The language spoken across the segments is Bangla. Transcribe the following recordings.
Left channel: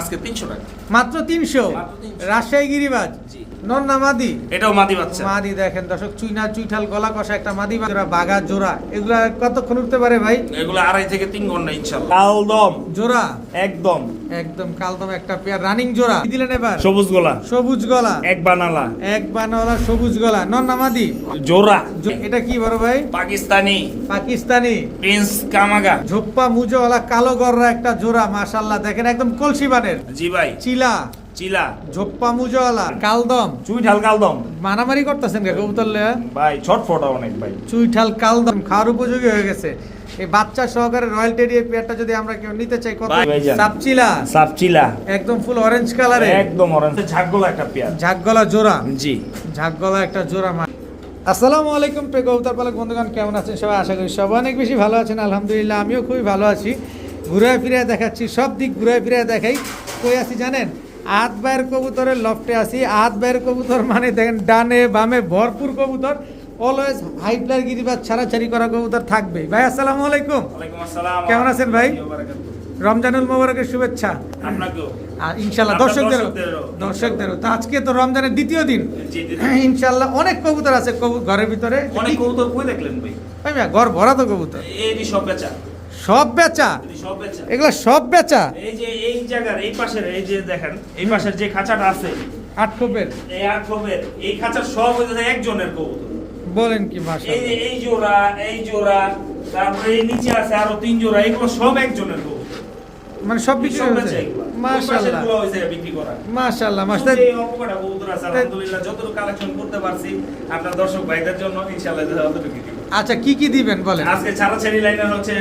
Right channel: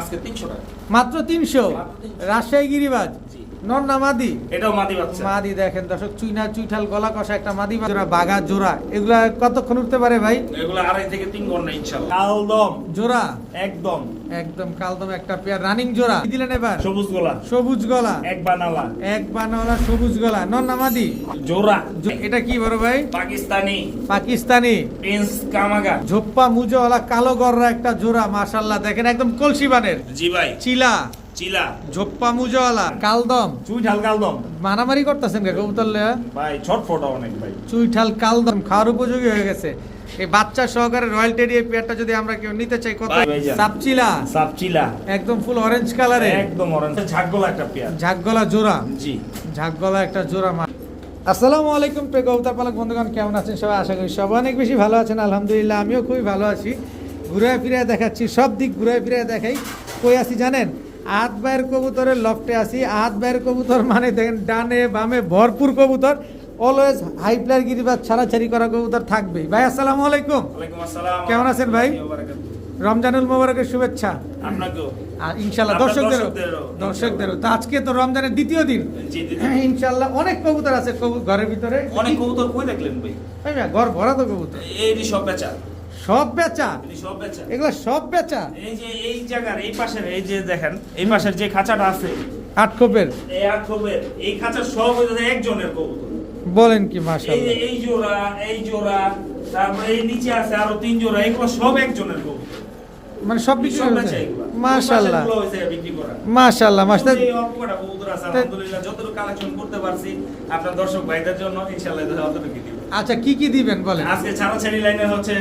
আজকে 300 টাকা মাত্র 300 রাজশাহী গিরিবাজ নর না মাদি? এটাও মাদি বাচ্চা। মাদি দেখেন দর্শক, চুইনা চুইঠাল গলা কষা একটা মাদি জোড়া, বাঘা জোড়া। এগুলা কতক্ষণ উঠতে পারে ভাই? এগুলো 2.5 থেকে 3 ঘন্টা ইনশাআল্লাহ। কালদম জোড়া একদম একদম কালদম একটা পেয়ার রানিং জোড়া। কি দিলেন এবার? সবুজ গলা, সবুজ গলা, এক বানালা, এক বানাওয়ালা সবুজ গলা, নর না মাদি? জোড়া। এটা কি বড় ভাই? পাকিস্তানি পাকিস্তানি প্রিন্স কামাগা। ঝোপ্পা মুজোওয়ালা কালো গররা একটা জোড়া, মাশাআল্লাহ দেখেন একদম কলসি বানের। জি ভাই। চিলা চিলা ঝোপ্পা মুজোওয়ালা কালদম। চুইঠাল কালদম মারামারি করতেছেন কে কবুতর লয়া? ভাই ছটফটা অনেক ভাই। চুইঠাল কালদম খাওয়ার উপযোগী হয়ে গেছে। এই বাচ্চা সহকারে রয়্যাল টেডি এই পেয়ারটা যদি আমরা কেউ নিতে চাই কত? সাপচিলা সাপচিলা একদম ফুল অরেঞ্জ কালারে, একদম অরেঞ্জ ঝাকগলা একটা পেয়ার। ঝাকগলা জোড়া। জি ঝাকগলা একটা জোড়া। আসসালামু আলাইকুম প্রিয় কবুতর পালক বন্ধুগণ, কেমন আছেন সবাই? আশা করি সবাই অনেক বেশি ভালো আছেন। আলহামদুলিল্লাহ আমিও খুবই ভালো আছি। ঘুরে ফিরে দেখাচ্ছি, সব দিক ঘুরে ফিরে দেখাই। কই আছি জানেন? আট বাইয়ের কবুতরের লফটে আছি। আট বাইয়ের কবুতর মানে দেখেন ডানে বামে ভরপুর কবুতর। অলওয়েজ হাইপ্লার গিরিবাজ ছাড়াছাড়ি করা কবুতর থাকবে। ভাই আসসালামু আলাইকুম। ওয়ালাইকুম আসসালাম। কেমন আছেন ভাই? রমজানুল মোবারকের শুভেচ্ছা আপনাকেও। আর ইনশাআল্লাহ দর্শকদেরও। তো আজকে তো রমজানের দ্বিতীয় দিন। জি ইনশাআল্লাহ অনেক কবুতর আছে ঘরের ভিতরে। অনেক কবুতর কই দেখলেন ভাই? ভাই ঘর ভরা তো কবুতর। এই সব বেচা, সব বেচা? সব বেচা, এগুলো সব বেচা? এই যে এই জায়গার এই পাশের এই যে দেখেন এই পাশের যে খাঁচাটা আছে আটকোপের, এই আটকোপের এই খাঁচার সব হচ্ছে একজনের কবুতর। বলেন কি? এই মাশাআল্লাহ। এই জোড়া, এই জোড়া, তারপরে এই নিচে আছে আরো 3 জোড়া, এগুলো সব একজনের কবুতর। মানে সব বিক্রি সব হয়ে বেচা গেছে? এগুলো। মাশাআল্লাহ ওই পাশেরগুলো হইছে বিক্রি করা। মাশাআল্লাহ এই অল্প কটা কবুতর আছে, আলহামদুলিল্লাহ যতটুকু কালেকশন করতে পারছি আপনার দর্শক ভাইদের জন্য ইনশাআল্লাহ অতটুকু দিব। আচ্ছা কি কি দিবেন বলেন? আজকে ছাড়াছাড়ি লাইনের হচ্ছে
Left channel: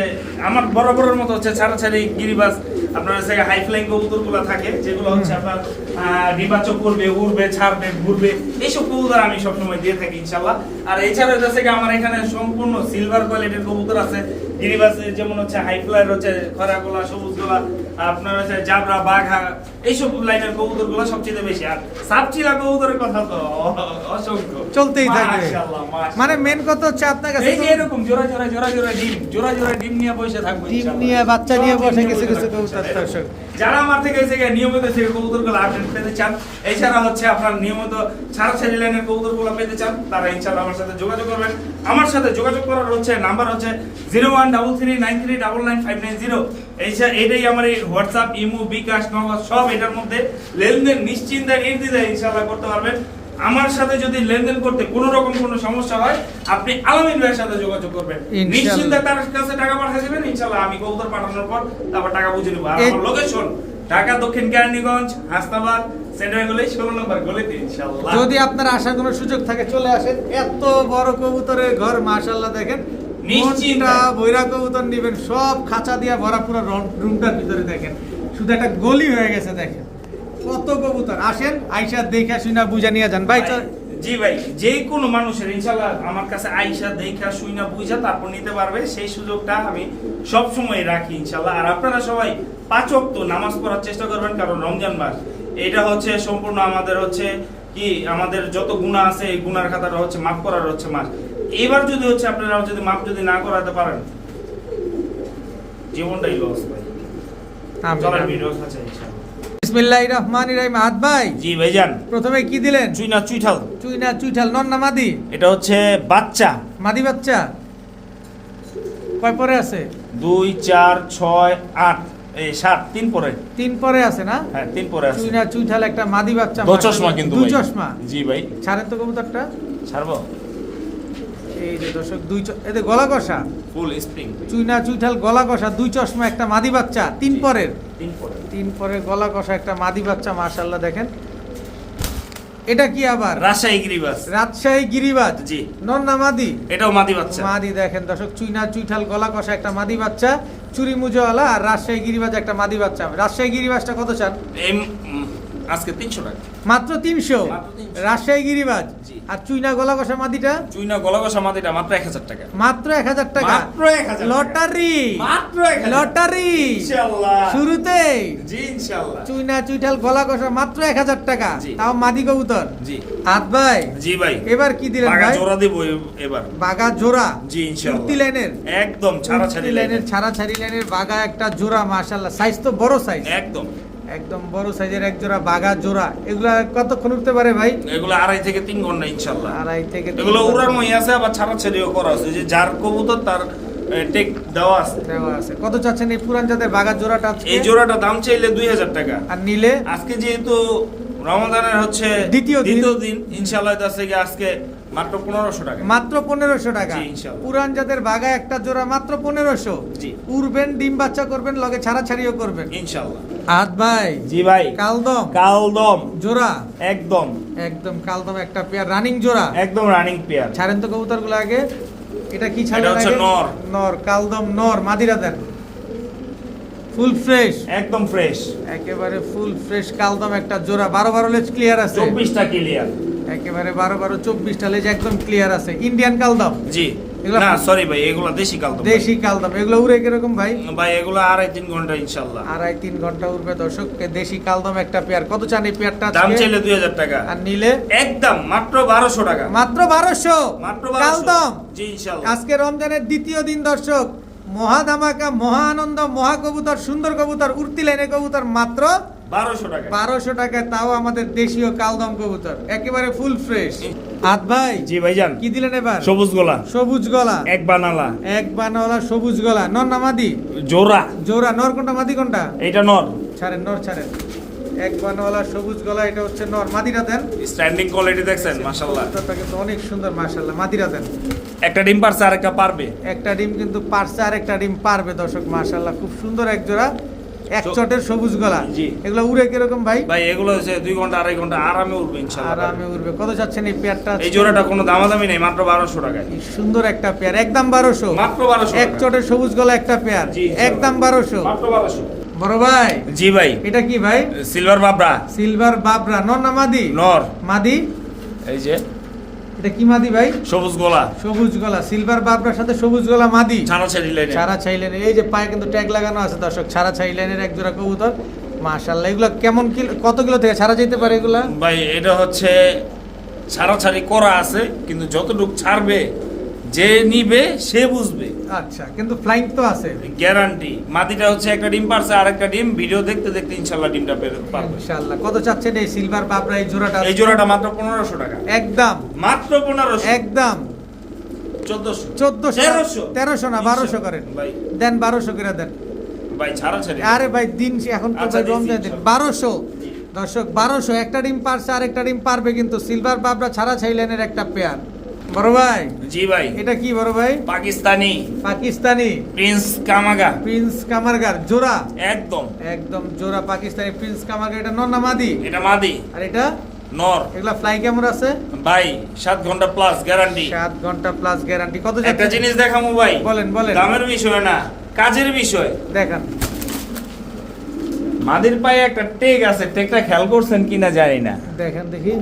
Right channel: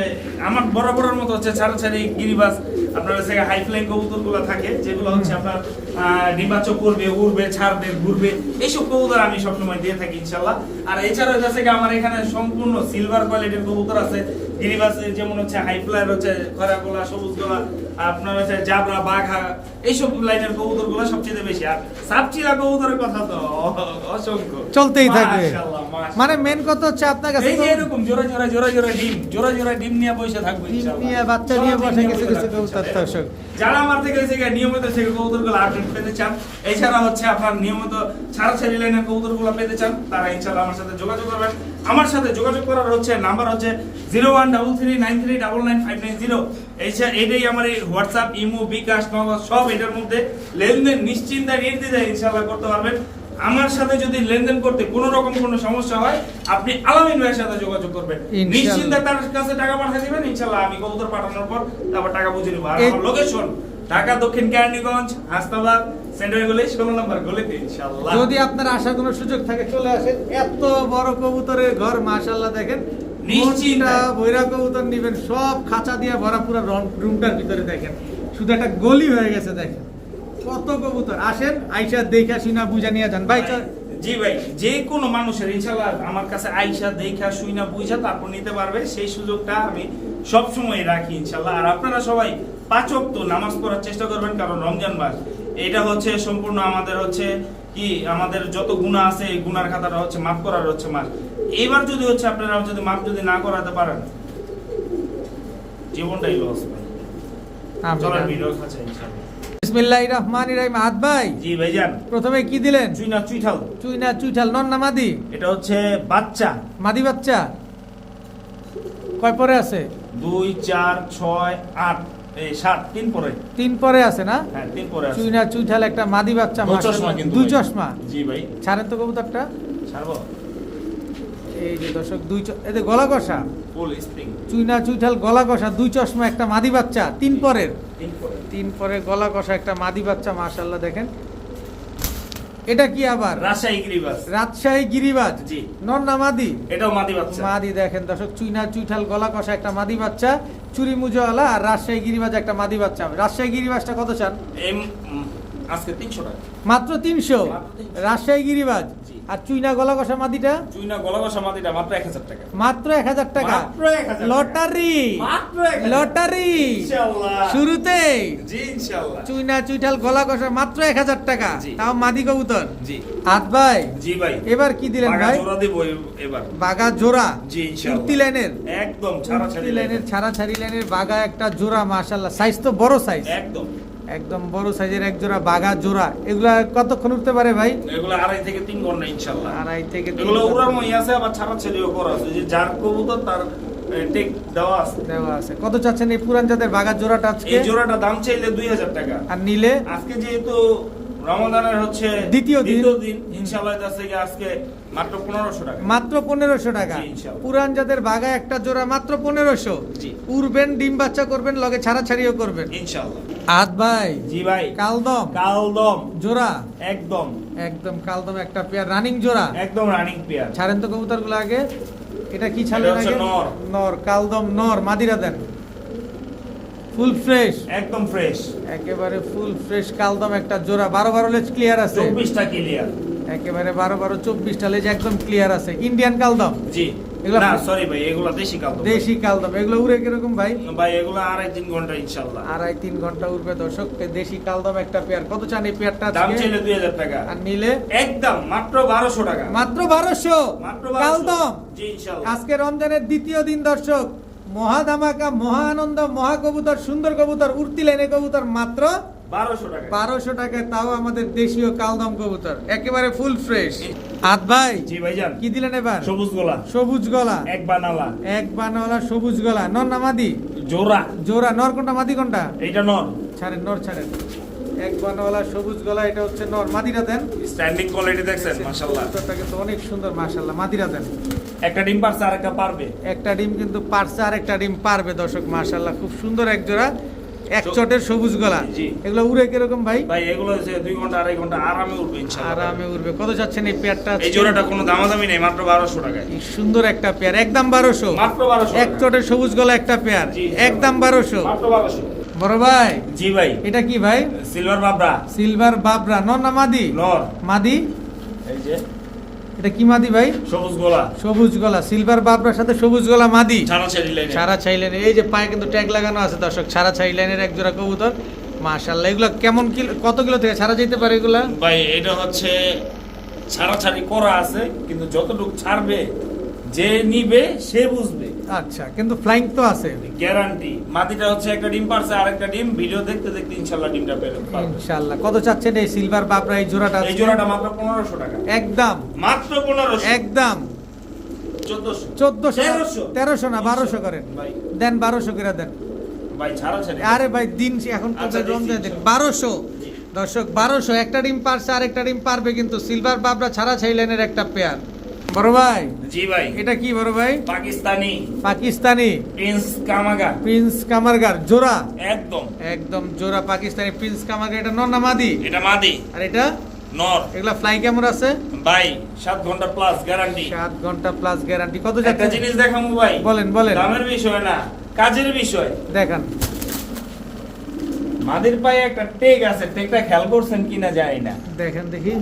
আমার বরাবরের মতো হচ্ছে ছাড়াছাড়ি গিরিবাজ। আপনার হচ্ছে হাই ফ্লাইং কবুতরগুলো থাকে যেগুলো হচ্ছে আপনার ডিবাচক করবে, উড়বে, ছাড়বে, ঘুরবে, এইসব কবুতর আমি সবসময় দিয়ে থাকি ইনশাআল্লাহ। আর এছাড়া হচ্ছে আমার এখানে সম্পূর্ণ সিলভার কোয়ালিটির কবুতর আছে গিরিবাজ, যেমন হচ্ছে হাই ফ্লাইয়ের হচ্ছে খরা গোলা, সবুজ গোলা, আপনার হচ্ছে জাবরা, বাঘা, এইসব লাইনের কবুতর গুলো সবচেয়ে বেশি। আর সাপচিলা কবুতরের কথা তো অসংখ্য চলতেই থাকবে। মাশাআল্লাহ, মাশাআল্লাহ। মানে মেন কথা হচ্ছে আপনার কাছে এই যে এরকম জোড়া জোড়া জোড়া জোড়া ডিম, জোড়া জোড়া ডিম নিয়ে বসে থাকবে ডিম ইনশাআল্লাহ। নিয়ে বাচ্চা নিয়ে বসে কিছু কিছু কবুতর দর্শক। যারা আমার থেকে এই জায়গায় নিয়মিত থেকে কবুতরগুলো আপডেট পেতে চান, এছাড়া হচ্ছে আপনার নিয়মিত ছাড়াছাড়ি লাইনের কবুতরগুলো পেতে চান, তারা ইনশাআল্লাহ আমার সাথে যোগাযোগ করবেন। আমার সাথে যোগাযোগ করার হচ্ছে নাম্বার হচ্ছে 013393999590। এইটাই আমার এই হোয়াটসঅ্যাপ, ইমো, বিকাশ, নগদ সব এটার মধ্যে লেনদেন নিশ্চিন্তায় নির্দ্বিধায় ইনশাআল্লাহ করতে পারবেন। আমার সাথে যদি লেনদেন করতে কোনো রকম কোনো সমস্যা হয়, আপনি আলামিন ভাইয়ের সাথে যোগাযোগ করবেন। নিশ্চিন্তায় তার কাছে টাকা পাঠিয়ে দিবেন, ইনশাআল্লাহ আমি কবুতর পাঠানোর পর তারপর টাকা বুঝে নেব। আর আমার লোকেশন ঢাকা দক্ষিণ কেরানীগঞ্জ, হাসনাবাদ, সেন্টার গলি 16 নম্বর গলিতে ইনশাআল্লাহ। যদি আপনার আসার কোনো সুযোগ থাকে চলে আসেন। এত বড় কবুতরের ঘর, মাশাআল্লাহ দেখেন। নিশ্চিন্তা বৈরা কবুতর নিবেন, সব খাঁচা দিয়া ভরা পুরো রুমটার ভিতরে দেখেন শুধু একটা গলি হয়ে গেছে। দেখেন কত কবুতর। আসেন আইসা দেখা শুনা বুঝা নিয়ে যান ভাই। জি ভাই, যে কোনো মানুষের ইনশাআল্লাহ আমার কাছে আইসা দেখা শুইনা বুঝা তারপর নিতে পারবে, সেই সুযোগটা আমি সব সময় রাখি ইনশাআল্লাহ। আর আপনারা সবাই 5 ওয়াক্ত নামাজ পড়ার চেষ্টা করবেন, কারণ রমজান মাস এটা হচ্ছে সম্পূর্ণ আমাদের হচ্ছে কি আমাদের যত গুনাহ আছে এই গুনার খাতাটা হচ্ছে মাফ করার হচ্ছে মাস। এবার যদি হচ্ছে আপনারা যদি মাফ যদি না করাতে পারেন, জীবনটাই লস ভাই। চলেন ভিডিও কাছে ইনশাআল্লাহ। বিসমিল্লাহির রহমানির রহিম। আদ ভাই, জি ভাইজান, প্রথমে কি দিলেন? চুইনা চুইঠাল। চুইনা চুইঠাল নর না মাদি? এটা হচ্ছে বাচ্চা, মাদি বাচ্চা। কয় পরে আছে? 2 4 6 8 এই 7 3 পরে। 3 পরে আছে না? হ্যাঁ 3 পরে আছে। চুইনা চুইঠাল একটা মাদি বাচ্চা। দু চশমা কিন্তু দুই ভাই। চশমা। জি ভাই। ছাড়েন তো কবুতরটা। ছাড়বো। এই যে দর্শক এতে গলা কষা ফুল স্প্রিং। চুইনা চুইঠাল গলা কষা, দুই চশমা একটা মাদি বাচ্চা, 3 পরের। 3 পরে। 3 পরে গলা কষা একটা মাদি বাচ্চা, মাশাআল্লাহ দেখেন। এটা কি আবার? রাজশাহী গিরিবাজ। রাজশাহী গিরিবাজ। জি। নর না মাদি? এটাও মাদি বাচ্চা। মাদি দেখেন দর্শক, চুইনা চুইঠাল গলা কষা একটা মাদি বাচ্চা, চুরি মুজোওয়ালা। আর রাজশাহী গিরিবাজ একটা মাদি বাচ্চা। রাজশাহী গিরিবাজটা কত চান? আজকে 300 টাকা। মাত্র 300 রাজশাহী গিরিবাজ। জি। আর চুইনা গলা কষা মাদিটা? চুইনা গলা কষা মাদিটা মাত্র 1000 টাকা। মাত্র 1000 টাকা। মাত্র 1000 লটারি, মাত্র 1000 লটারি ইনশাআল্লাহ। শুরুতেই জি ইনশাআল্লাহ। চুইনা চুইঠাল গলা কষা মাত্র 1000 টাকা। জি। তাও মাদি কবুতর। জি। আদ ভাই, জি ভাই। এবার কি দিলেন বাঘা ভাই? জোড়া দেব এবার। বাঘা জোড়া। জি ইনশাআল্লাহ। কুর্তি লাইনের একদম কুর্তি ছাড়াছাড়ি লাইনের ছাড়াছাড়ি লাইনের বাঘা একটা জোড়া, মাশাআল্লাহ সাইজ তো বড় সাইজ। একদম একদম বড় সাইজের এক জোড়া বাঘা জোড়া, এগুলা কতক্ষণ উঠতে পারে ভাই? এগুলো 2.5 থেকে 3 ঘন্টা ইনশাআল্লাহ। 2.5 থেকে 3 এগুলো ঘন্টা উড়ার মই আছে, আবার ছাড়াছাড়িও করা আছে, যে যার কবুতর তার টেক দেওয়া আছে। দেওয়া আছে। কত চাচ্ছেন এই পুরান জাতের বাঘা জোড়াটা আজকে? এই জোড়াটা দাম চাইলে 2000 টাকা। আর নিলে আজকে যেহেতু রমাদানের হচ্ছে দ্বিতীয় দিন, ইনশাআল্লাহ আজকে আজকে মাত্র 1500 টাকা। মাত্র 1500 টাকা। জি, ইনশাআল্লাহ। পুরান জাতের বাঘা একটা জোড়া মাত্র 1500। জি। উড়বেন, ডিম বাচ্চা করবেন, লগে ছাড়াছাড়িও করবেন ইনশাআল্লাহ। আদ ভাই, জি ভাই। কালদম কালদম জোড়া, একদম একদম কালদম একটা পেয়ার, রানিং জোড়া। একদম রানিং পেয়ার। ছাড়েন তো কবুতরগুলো আগে। এটা কি ছাড়লেন এটা হচ্ছে আগে? নর। নর, কালদম নর, মাদিরা দেন। ফুল ফ্রেশ, একদম ফ্রেশ। একেবারে ফুল ফ্রেশ কালদম একটা জোড়া। 12 লেজ ক্লিয়ার আছে, 24টা ক্লিয়ার। একেবারে 24টা লেজ একদম ক্লিয়ার আছে। ইন্ডিয়ান কালদম, জি। এগুলা- না সরি ভাই, এগুলো দেশি কালদম। দেশি কালদম। এগুলো উড়ে কিরকম ভাই? ভাই এগুলো 2.5-3 ঘন্টা ইনশাআল্লাহ। 2.5-3 ঘন্টা উড়বে দর্শক। দেশি কালদম একটা পেয়ার। কত চান এই পেয়ারটা দাম আজকে? চাইলে 2000 টাকা। আর নিলে একদম মাত্র 1200 টাকা। মাত্র 1200 মাত্র 1200 কালদম। জি ইনশাআল্লাহ। আজকে রমজানের দ্বিতীয় দিন দর্শক, মহা ধামাকা, মহা আনন্দ, মহা কবুতর, সুন্দর কবুতর, উড়তি লাইনে কবুতর মাত্র 1200 টাকা। 1200 টাকায়, তাও আমাদের দেশীয় কালদম কবুতর, একেবারে ফুল ফ্রেশ। আদ ভাই, জি ভাইজান। কি দিলেন এবার? সবুজ গোলা সবুজ গলা, এক বানালা এক বানাওয়ালা সবুজ গলা। নর না মাদি? জোড়া। জোড়া। নর কোনটা, মাদি কোনটা? এটা নর। ছাড়েন, নর ছাড়েন। এক বানাওয়ালা সবুজ গলা, এটা হচ্ছে নর। মাদিরা দেন। স্ট্যান্ডিং কোয়ালিটি দেখছেন মাশাআল্লাহ। কবুতরটা কিন্তু অনেক সুন্দর মাশাআল্লাহ। মাদিরা দেন। একটা ডিম পারছে আর একটা পারবে। একটা ডিম কিন্তু পারছে, আর একটা ডিম পারবে দর্শক। মাশাআল্লাহ, খুব সুন্দর এক জোড়া, এক চটের সবুজ গলা। জি। এগুলো উড়ে কিরকম ভাই? ভাই এগুলো হচ্ছে 2 ঘন্টা 2.5 ঘন্টা আরামে উঠবে ইনশাআল্লাহ। আরামে উড়বে। কত চাচ্ছেন এই পেয়ারটা? এই জোড়াটা কোনো দামাদামি নেই, মাত্র 1200 টাকায়। কি সুন্দর একটা পেয়ার, একদম 1200। মাত্র 1200 এক চটের সবুজ গলা একটা পেয়ার, জি, একদম 1200। মাত্র 1200। বড় ভাই, জি ভাই। এটা কি ভাই? সিলভার বাবরা। সিলভার বাবরা। নর না মাদি? নর। মাদি। এই যে এটা কি মাদি ভাই? সবুজ গোলা। সবুজ গলা। সিলভার বাবরার সাথে সবুজ গলা মাদি। ছাড়া ছেড়ে লাইনে। ছাড়া ছাইলেন, এই যে পায়ে কিন্তু ট্যাগ লাগানো আছে দর্শক। ছাড়া ছাইলেনের এক জোড়া কবুতর মাশাআল্লাহ। এগুলো কেমন কিলো, কত কিলো থেকে ছাড়া যেতে পারে এগুলা? ভাই এটা হচ্ছে ছাড়াছাড়ি করা আছে, কিন্তু যতটুকু ছাড়বে যে নিবে সে বুঝবে। আচ্ছা, কিন্তু ফ্লাইং তো আছে গ্যারান্টি। মাটিটা হচ্ছে একটা ডিম পারছে আর একটা ডিম, ভিডিও দেখতে দেখতে ইনশাআল্লাহ ডিমটা পেয়ে পারবে। ইনশাআল্লাহ। কত চাচ্ছেন এই সিলভার বাবরা এই জোড়াটা? এই জোড়াটা মাত্র 1500 টাকা। একদম মাত্র 1500। একদম 1400। 1400 1300 না 1200 করেন। ভাই দেন 1200 করে দেন। ভাই ছাড়াছাড়ি। আরে ভাই দিন এখন তো আচ্ছা, ভাই রমজান দিচ্ছি, দিন। 1200 দর্শক, 1200। একটা ডিম পারছে আর একটা ডিম পারবে কিন্তু। সিলভার বাবরা ছাড়া ছাইলেনের একটা পেয়ার। বড় ভাই, জি ভাই। এটা কি বড় ভাই? পাকিস্তানি পাকিস্তানি প্রিন্স কামাগা। প্রিন্স কামারগার জোড়া। একদম একদম জোড়া পাকিস্তানি প্রিন্স কামারগার। এটা নর না মাদি? এটা মাদি। আর এটা নর। এগুলা ফ্লাই কেমন আছে ভাই 7 ঘন্টা প্লাস গ্যারান্টি। 7 ঘন্টা প্লাস গ্যারান্টি। কত একটা যাচ্ছে? জিনিস দেখামু ভাই। বলেন বলেন। দামের বিষয় না, কাজের বিষয়। দেখান। মাদির পায়ে একটা টেক আছে, টেকটা খেয়াল করছেন কিনা জানি না। দেখেন দেখি,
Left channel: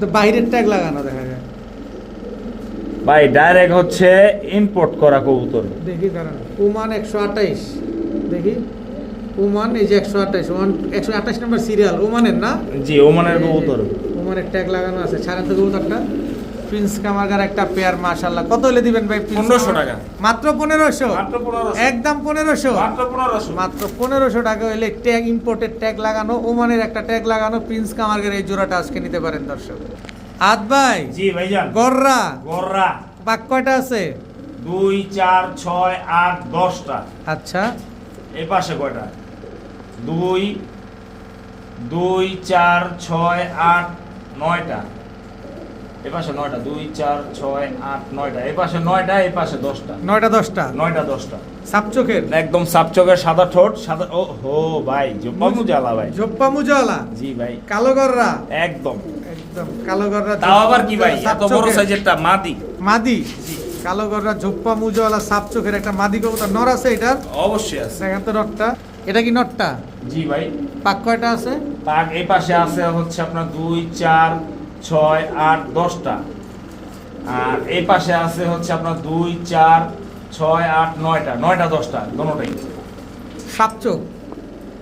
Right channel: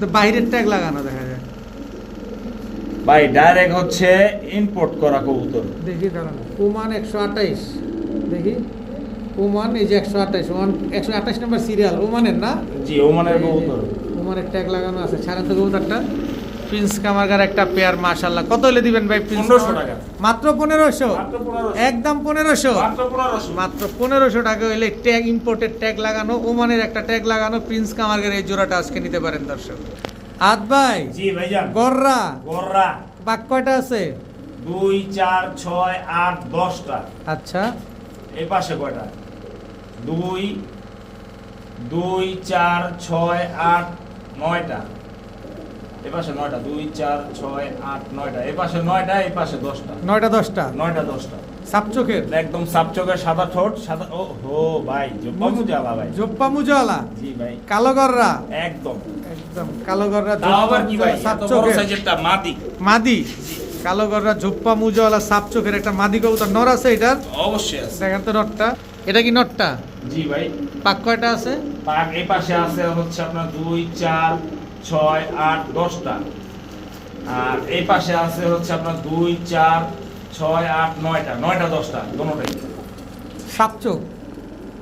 তো বাইরের ট্যাগ লাগানো দেখা যায়। ভাই ডাইরেক্ট হচ্ছে ইম্পোর্ট করা কবুতর। দেখি দাঁড়ান। ওমান 128, দেখি ওমান, এই যে 128, ওমান 128 নম্বর সিরিয়াল ওমানের না? জি ওমানের এই যে কবুতর। ওমানের ট্যাগ লাগানো আছে। ছাড়েন তো কবুতরটা। প্রিন্স কামারগার একটা পেয়ার মাশাআল্লাহ। কত হলে দিবেন ভাই? 1500 টাকা। মাত্র 1500? মাত্র 1500। একদম 1500? মাত্র 1500। মাত্র 1500 টাকা হলে ট্যাগ, ইম্পোর্টেড ট্যাগ লাগানো, ওমানের একটা ট্যাগ লাগানো প্রিন্স কামারগার এই জোড়াটা আজকে নিতে পারেন দর্শক। আদ ভাই, জি ভাইজান। গররা গররা বাক কয়টা আছে? 2 4 6 8 10টা। আচ্ছা, এই পাশে কয়টা? 2 2 4 6 8 9টা। এই পাশে 9টা। 2 4 6 8 9টা। এই পাশে 9টা, এই পাশে 10টা। 9টা 10টা 9টা 10টা। সাপ চোখের, একদম সাপচকের সাদা ঠোঁট, সাদা। ও হো ভাই জুপামু জ্বালা ভাই। জোপ্পা মুজওয়ালা, জি ভাই কালো গররা, একদম। একদম কালো গররা, তাও আবার কি ভাই সাপ এত বড় চোখের সাইজেরটা মাদি। মাদি। জি কালো গররা, ঝোপ্পা মুজওয়ালা, সাপ চোখের একটা মাদি কবুতর। নর আছে এটার? অবশ্যই আছে। দেখেন তো নটটা। এটা কি নটটা? জি ভাই। পাক কয়টা আছে? তার এই পাশে আছে হচ্ছে আপনার 2 4 6 8 10টা। আর এই পাশে আছে হচ্ছে আপনার 2 4 6 8 9টা। 9টা 10টা দোনোটাই। সাপ চোখ।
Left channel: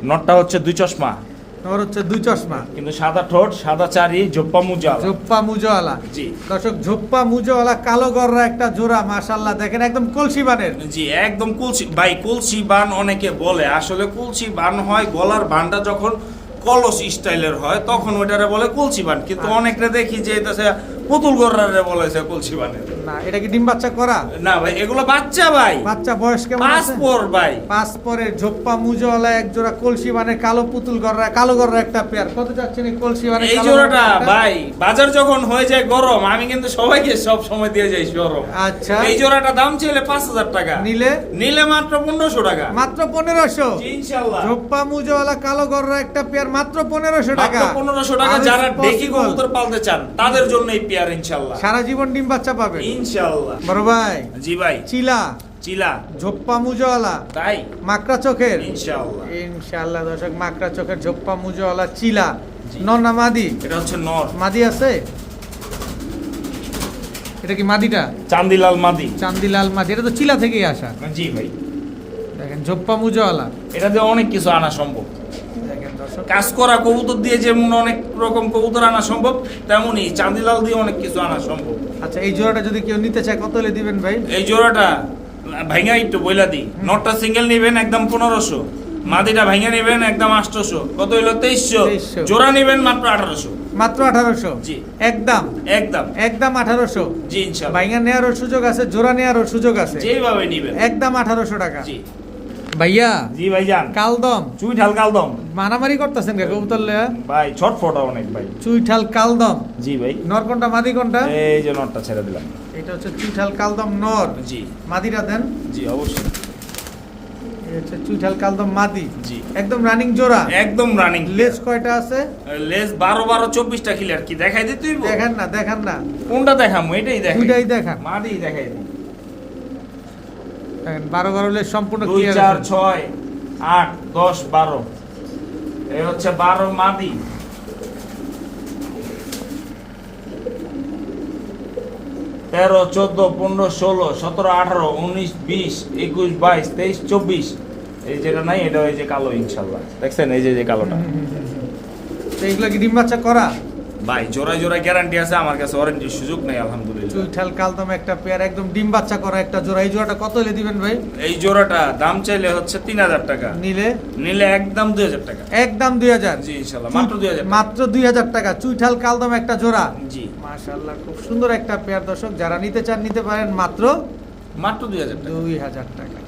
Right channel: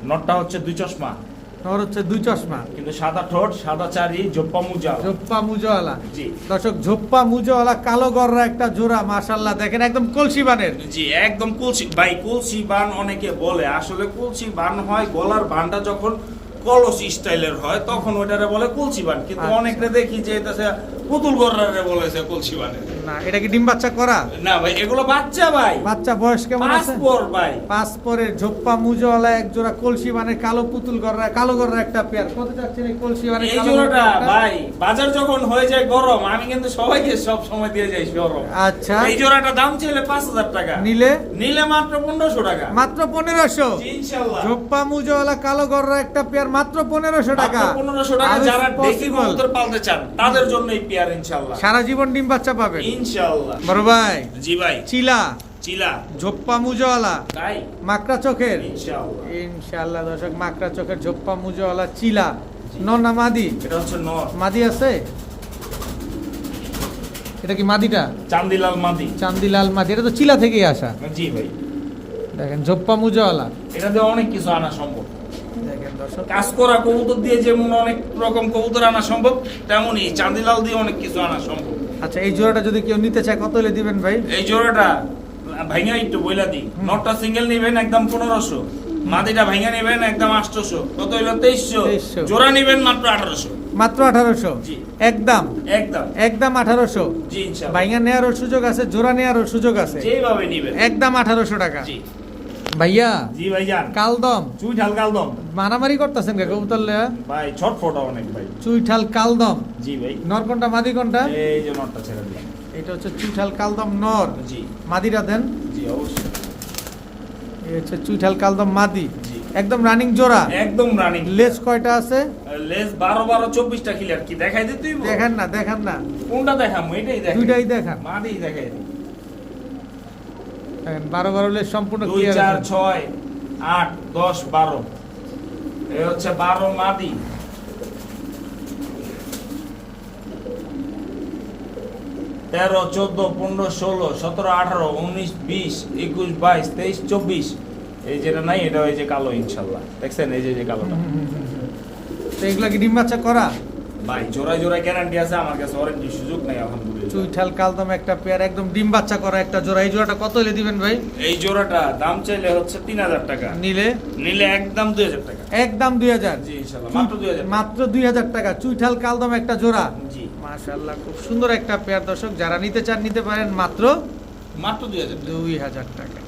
নটটা হচ্ছে 2 চশমা। নর হচ্ছে দুই চশমা, কিন্তু সাদা ঠোঁট, সাদা চারি, জোপ্পা মুজা। ঝোপ্পা মুজোওয়ালা। জি দর্শক ঝোপ্পা মুজোওয়ালা কালো গররা একটা জোড়া, মাশাআল্লাহ দেখেন একদম কলসি বানের। জি একদম কুলসি ভাই, কুলসি বান অনেকে বলে, আসলে কুলসি বান হয় গলার বানটা যখন কলস স্টাইলের হয় তখন ওটারে বলে কুলসি বান, কিন্তু আচ্ছা। অনেকটা দেখি যে এটা পুতুল গররারে বলেছে কুলসি বানের। না, এটা কি ডিম বাচ্চা করা? না ভাই, এগুলো বাচ্চা ভাই, বাচ্চা বয়স কেমন আছে? পাসপোর্ট ভাই। পাঁচ পরের ঝোপ্পা মুজোওয়ালা এক জোড়া কলসি বানের কালো পুতুল গররা, কালো গররা একটা পেয়ার। কত চাচ্ছেন এই কলসি বানের এই কালো গররা জোড়াটা একটা? ভাই বাজার যখন হয়ে যায় গরম, আমি কিন্তু সবাইকে সব সময় দিয়ে যাই গরম। আচ্ছা, এই জোড়াটা দাম ছিল 5,000 টাকা, নিলে নিলে মাত্র 1500 টাকা। মাত্র 1500। জি, ইনশাআল্লাহ ঝোপ্পা মুজোওয়ালা কালো গররা একটা পেয়ার মাত্র 1500 টাকা। মাত্র 1500 টাকা। আরো যারা ডেকি possible। কবুতর পালতে চান তাদের জন্য এই পেয়ার ইনশাআল্লাহ। সারা জীবন ডিম বাচ্চা পাবেন ইনশাআল্লাহ। বড় ভাই। জি ভাই। চিলা চিলা ঝোপ্পা মুজোওয়ালা তাই মাকড়া চোখের। ইনশাআল্লাহ। ইনশাআল্লাহ দর্শক, মাকড়া চোখের ঝোপ্পা মুজোওয়ালা চিলা। নর না মাদি? এটা হচ্ছে নর। মাদি আছে? এটা কি মাদিটা? চান্দিলাল মাদি। চান্দিলাল মাদি, এটা তো চিলা থেকেই আসা। জি ভাই। দেখেন ঝোপ্পা মুজোওয়ালা। এটা দিয়ে অনেক কিছু আনা সম্ভব। দেখেন দর্শক, কাজ করা কবুতর দিয়ে যেমন অনেক রকম কবুতর আনা সম্ভব, তেমনি চান্দিলাল দিয়ে অনেক কিছু আনা সম্ভব। আচ্ছা এই জোড়াটা যদি কেউ নিতে চায় কত হলে দিবেন ভাই? এই জোড়াটা ভাঙা একটু বইলা দিই, নটটা সিঙ্গেল নিবেন একদম 1500, মাদিটা ভাঙা নিবেন একদম 800। কত হলো? 2300। জোড়া নিবেন মাত্র 1800। মাত্র 1800? জি। একদম একদম একদম 1800? জি ইনশাআল্লাহ। ভাইঙ্গা নেওয়ারও সুযোগ আছে, জোড়া নেওয়ারও সুযোগ আছে, যেভাবে নিবেন একদম 1800 টাকা। জি। ভাইয়া জি ভাইজান। কালদম চুইঠাল কালদম মারামারি করতেছেন কে কবুতর লয়া? ভাই ছটফটা অনেক ভাই। চুইঠাল কালদম। জি ভাই। নর কোনটা মাদি কোনটা? এই যে নটটা ছেড়ে দিলাম। এটা হচ্ছে চুইঠাল কালদম নর। জি মাদিটা দেন। জি অবশ্যই। এই হচ্ছে চুইঠাল কালদম মাদি, জি একদম রানিং জোড়া। একদম রানিং। লেজ কয়টা আছে? লেস 12-24টা ক্লিয়ার। কি দেখাই দিতেই? দেখান না, দেখান না, কোনটা দেখামু? এটাই দেখাই। দুইটাই দেখান। মাদি দেখাই দিই। দেখেন 12 লেজ সম্পূর্ণ 2 ক্লিয়ার 4 আছে। 6 8 10 12। এই হচ্ছে 12 মাদি। 13 14 15 16 17 18 19 20 21 22 23 24। এই যেটা নাই এটা ওই যে কালো ইনশাআল্লাহ। দেখছেন এই যে কালোটা। তো এগুলা কি ডিম বাচ্চা করা? ভাই জোড়ায় জোড়ায় গ্যারান্টি আছে, আমার কাছে ওয়ারেন্টির সুযোগ নাই আলহামদুলিল্লাহ। চুইঠাল কালদম একটা পেয়ার, একদম ডিম বাচ্চা করা একটা জোড়া। এই জোড়াটা কত হলে দিবেন ভাই? এই জোড়াটা দাম চাইলে হচ্ছে 3000 টাকা, নিলে নিলে একদম 2000 টাকা। একদম 2000? জি ইনশাআল্লাহ মাত্র 2000 টাকা। মাত্র 2000 টাকা চুইঠাল কালদম একটা জোড়া। জি মাশাআল্লাহ, খুব সুন্দর একটা পেয়ার দর্শক, যারা নিতে চান নিতে পারেন মাত্র মাত্র 2000 টাকা। 2000 টাকা।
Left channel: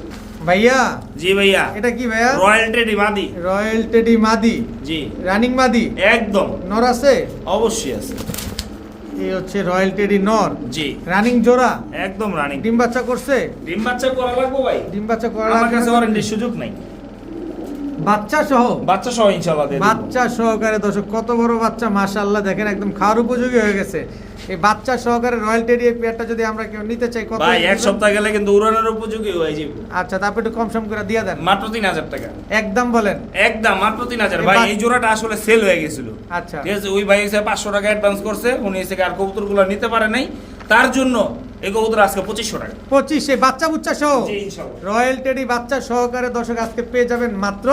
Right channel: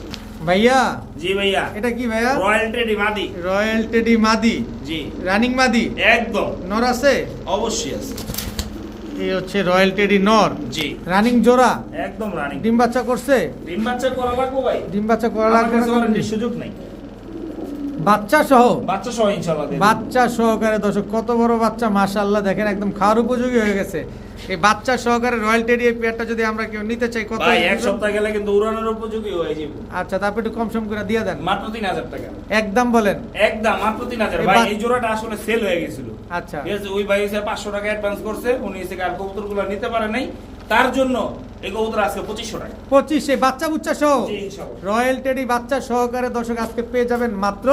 ভাইয়া জি ভাইয়া। এটা কি ভাইয়া? রয়্যাল টেডি মাদি। রয়্যাল টেডি মাদি, জি রানিং মাদি। একদম নর আছে? অবশ্যই আছে। এই হচ্ছে রয়্যাল টেডি নর, জি রানিং জোড়া। একদম রানিং। ডিম বাচ্চা করছে? ডিম বাচ্চা করা লাগবে ভাই? ডিম বাচ্চা করা আমার লাগবে কাছে না? ওয়ারেন্টির সুযোগ নাই। বাচ্চা সহ? বাচ্চা সহ ইনশাআল্লাহ দিয়ে দেব। বাচ্চা সহকারে দর্শক, কত বড় বাচ্চা মাশাআল্লাহ, দেখেন একদম খাওয়ার উপযোগী হয়ে গেছে। এই বাচ্চা সহকারে রয়্যাল টেডি এই পেয়ারটা যদি আমরা কেউ নিতে চাই কত? ভাই এক সপ্তাহ গেলে কিন্তু উড়ানোর উপযোগী হয়ে যাবে। আচ্ছা, তারপর একটু কম সম করে দিয়ে দেন। মাত্র 3000 টাকা। একদম বলেন। একদম মাত্র 3000। এই ভাই এই জোড়াটা আসলে সেল হয়ে গেছিল। আচ্ছা, ঠিক আছে, ওই ভাই এসে 500 টাকা অ্যাডভান্স করছে, উনি এসে আর কবুতরগুলো নিতে পারে নাই, তার জন্য এই কবুতর আজকে 2500 টাকা। 25 বাচ্চা বুচ্চা সহ জি ইনশাআল্লাহ। রয়্যাল টেডি বাচ্চা সহকারে দর্শক আজকে পেয়ে যাবেন মাত্র